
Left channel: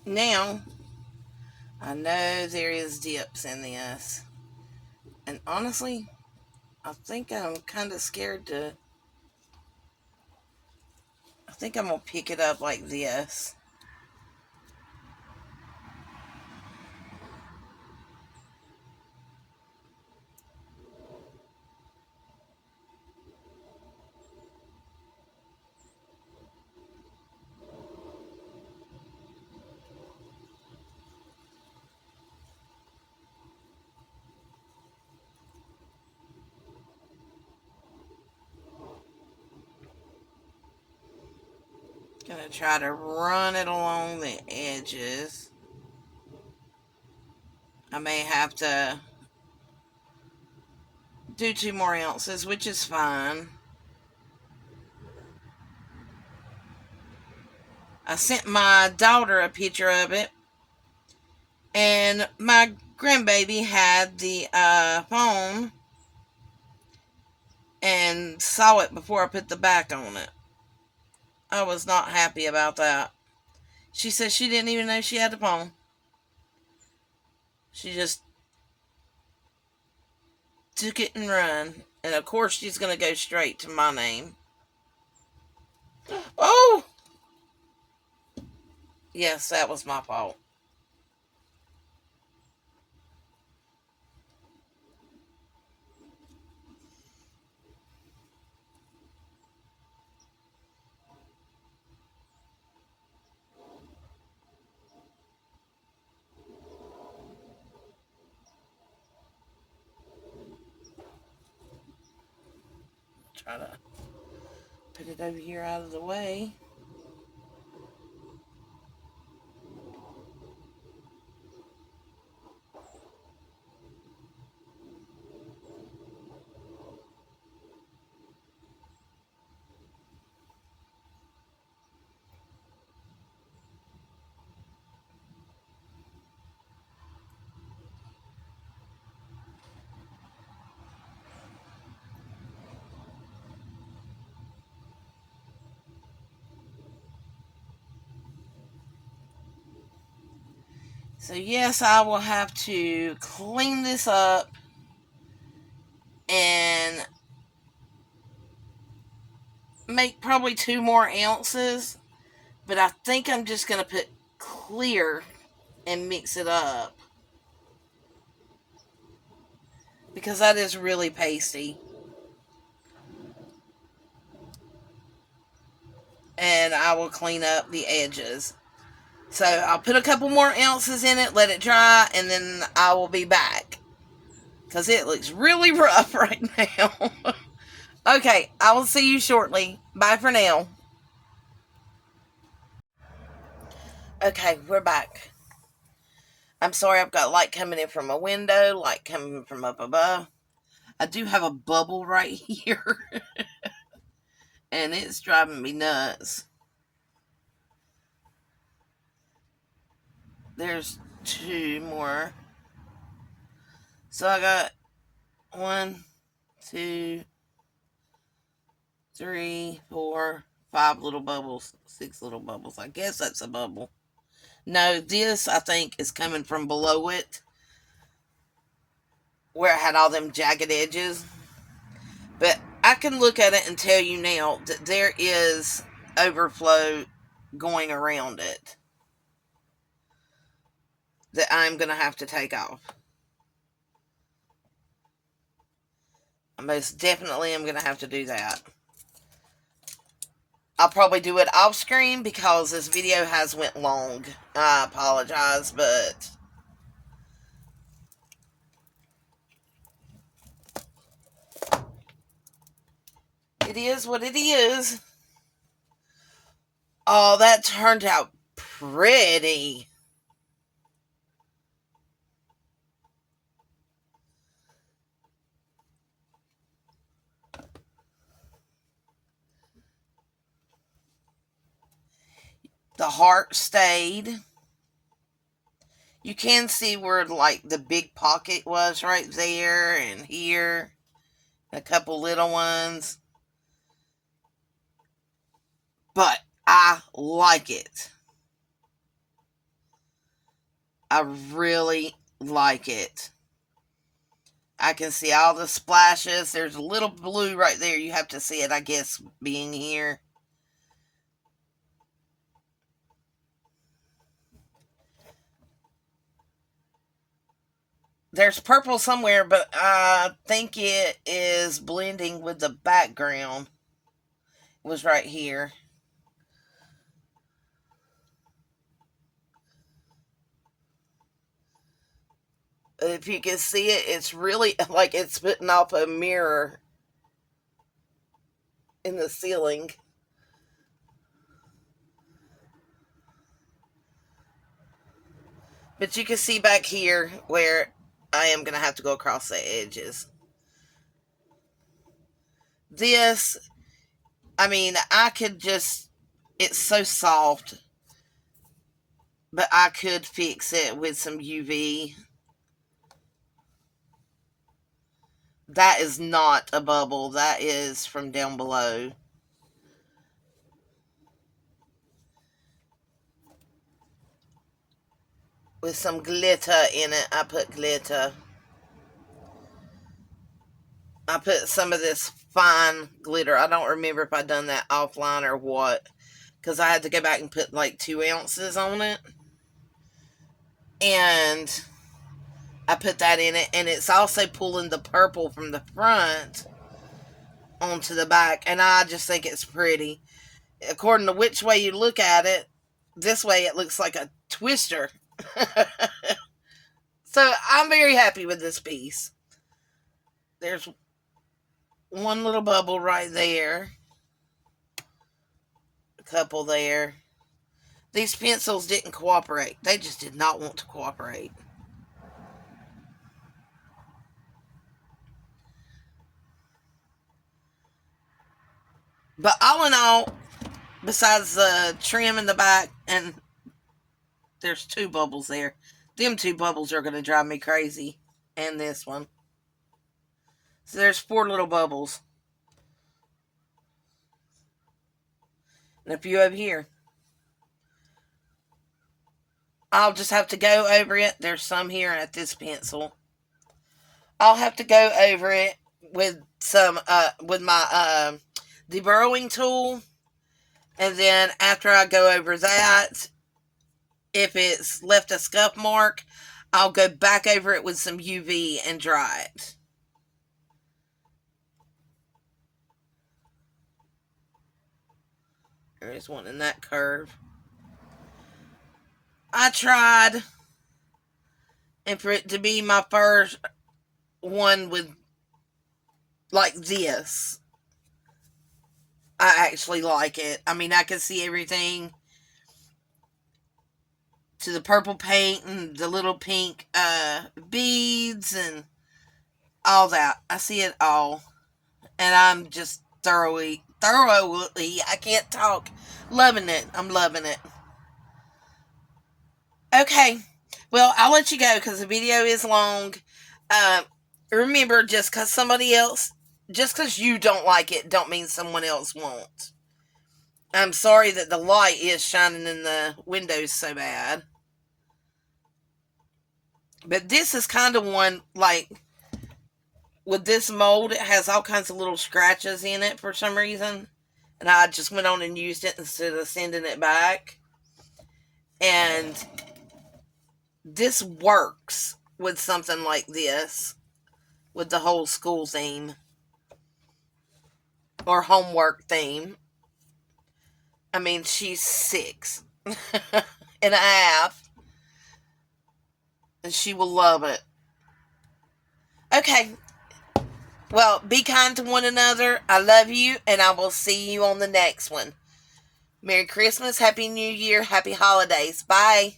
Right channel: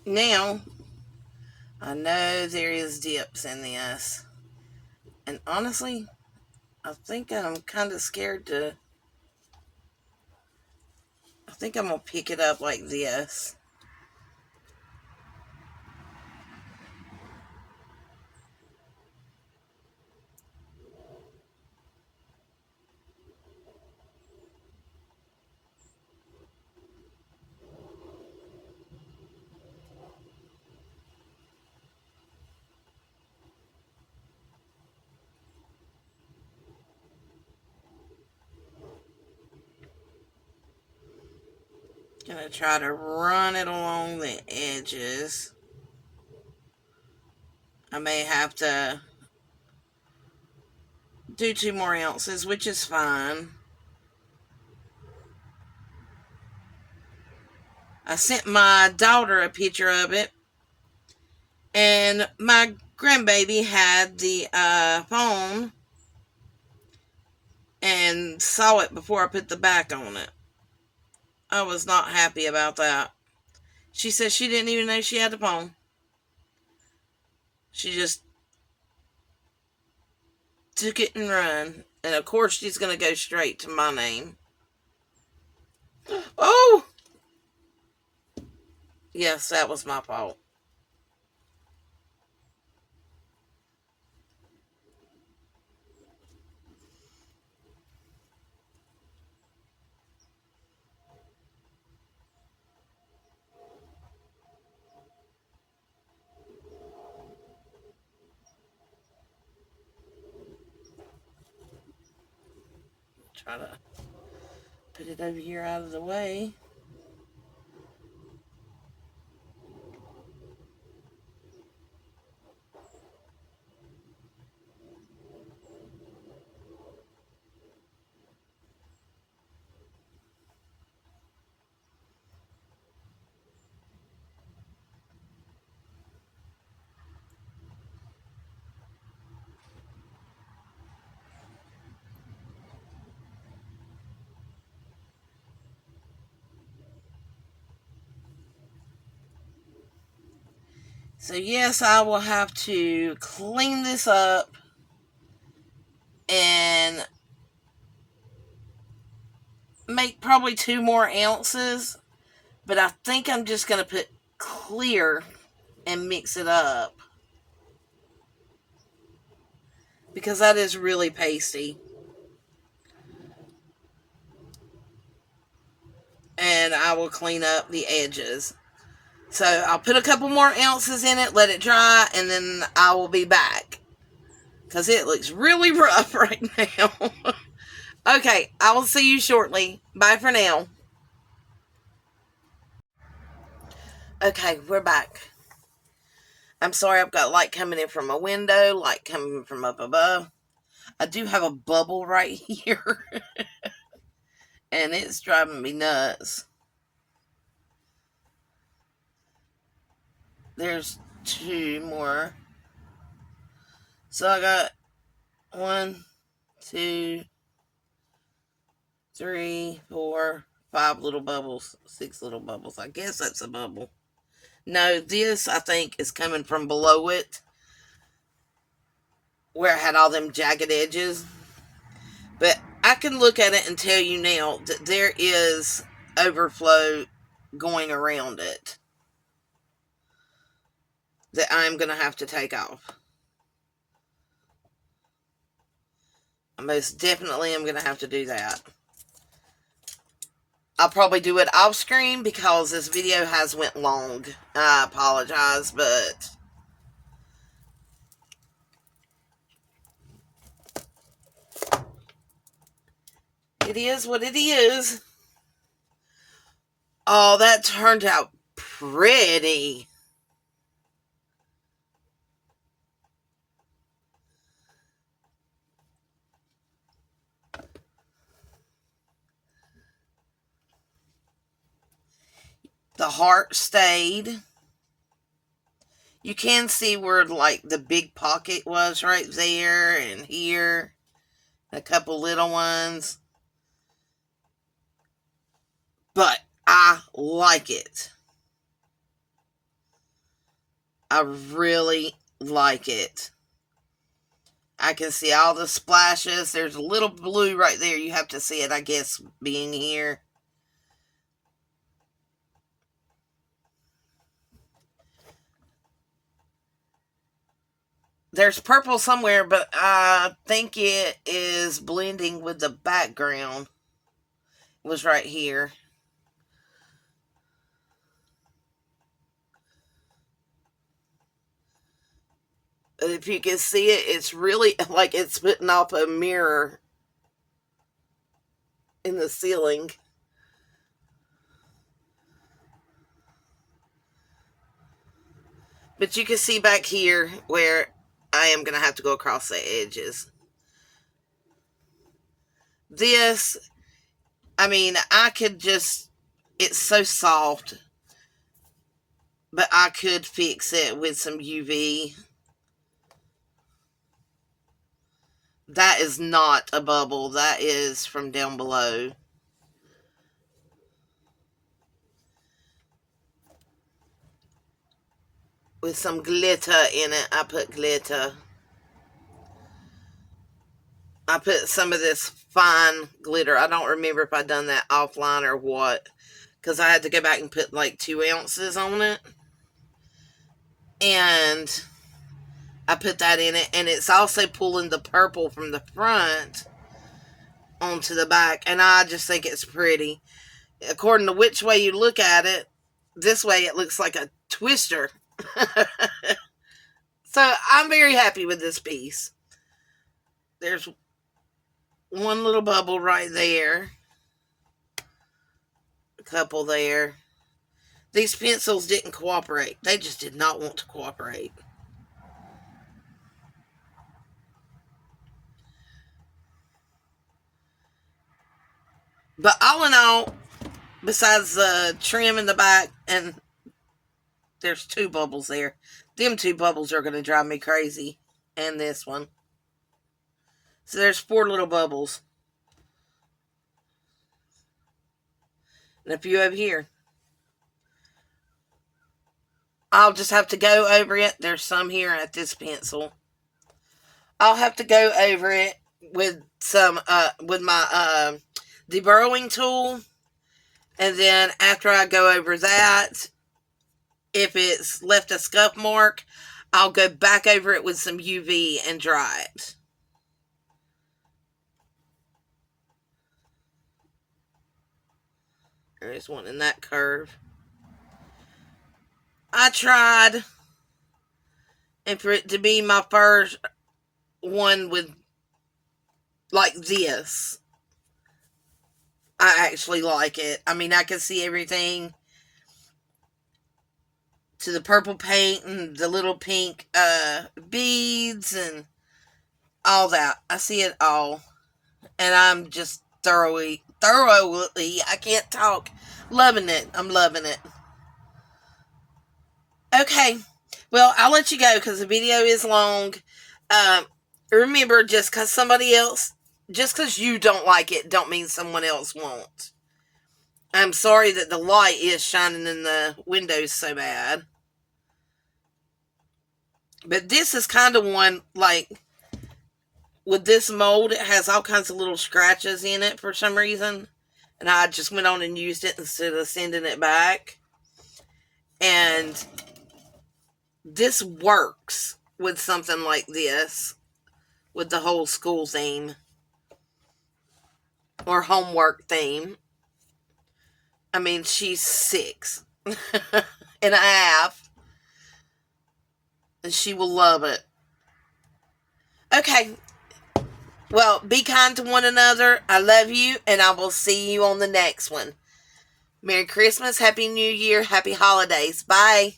Now, I know there is dips in this. And honestly, I think I'm kind of scared to... I think I'm going to pick it up like this. Gonna try to run it along the edges. I may have to do 2 more ounces, which is fine. I sent my daughter a picture of it, and my grandbaby had the phone and saw it before I put the back on it. I was not happy about that. She said she didn't even know she had the phone. She just took it and run. And of course, she's going to go straight to my name. Oh! Yes, that was my fault. Try to put it over here out of the way. So yes, I will have to clean this up and make probably 2 more ounces. But I think I'm just going to put clear and mix it up, because that is really pasty. And I will clean up the edges. So I'll put a couple more ounces in it, let it dry, and then I will be back, because it looks really rough right now. Okay, I will see you shortly. Bye for now. Okay, we're back. I'm sorry, I've got light coming in from my window, light coming from up above. I do have a bubble right here, and it's driving me nuts. There's 2 more. So I got 1, 2, 3, 4, 5 little bubbles, 6 little bubbles. I guess that's a bubble. No, this I think is coming from below it, where it had all them jagged edges. But I can look at it and tell you now that there is overflow going around it that I'm going to have to take off. I most definitely am going to have to do that. I'll probably do it off screen because this video has went long. I apologize, but it is what it is. Oh, that turned out pretty. The heart stayed. You can see where like the big pocket was right there and here. A couple little ones. But I like it. I really like it. I can see all the splashes. There's a little blue right there. You have to see it, I guess, being here. There's purple somewhere, but I think it is blending with the background. It was right here. But if you can see it, it's really like it's putting off a mirror in the ceiling. But you can see back here where I am going to have to go across the edges. This, I mean, I could just, it's so soft, but I could fix it with some UV. That is not a bubble. That is from down below. With some glitter in it. I put glitter. I put some of this fine glitter. I don't remember if I done that offline or what. Because I had to go back and put like 2 ounces on it. And I put that in it. And it's also pulling the purple from the front onto the back. And I just think it's pretty. According to which way you look at it, this way it looks like a twister. So I'm very happy with this piece. There's one little bubble right there. A couple there. These pencils didn't cooperate. They just did not want to cooperate. But all in all, besides the trim in the back, and there's 2 bubbles there. Them 2 bubbles are going to drive me crazy. And this one. So there's 4 little bubbles. And a few over here. I'll just have to go over it. There's some here at this pencil. I'll have to go over it with some, with my, deburrowing tool. And then after I go over that, if it's left a scuff mark, I'll go back over it with some UV and dry it. There's one in that curve. I tried, and for it to be my first one with like this, I actually like it. I mean, I can see everything to the purple paint and the little pink beads and all that. I see it all. And I'm just thoroughly, I can't talk, loving it. I'm loving it. Okay. Well, I'll let you go because the video is long. Remember, just because you don't like it, don't mean someone else won't. I'm sorry that the light is shining in the windows so bad. But this is kind of one, like, with this mold, it has all kinds of little scratches in it for some reason. And I just went on and used it instead of sending it back. And this works with something like this. With the whole school theme. Or homework theme. I mean, she's 6 and a half. And she will love it. Okay. Well, be kind to one another. I love you. And I will see you on the next one. Merry Christmas. Happy New Year. Happy holidays. Bye.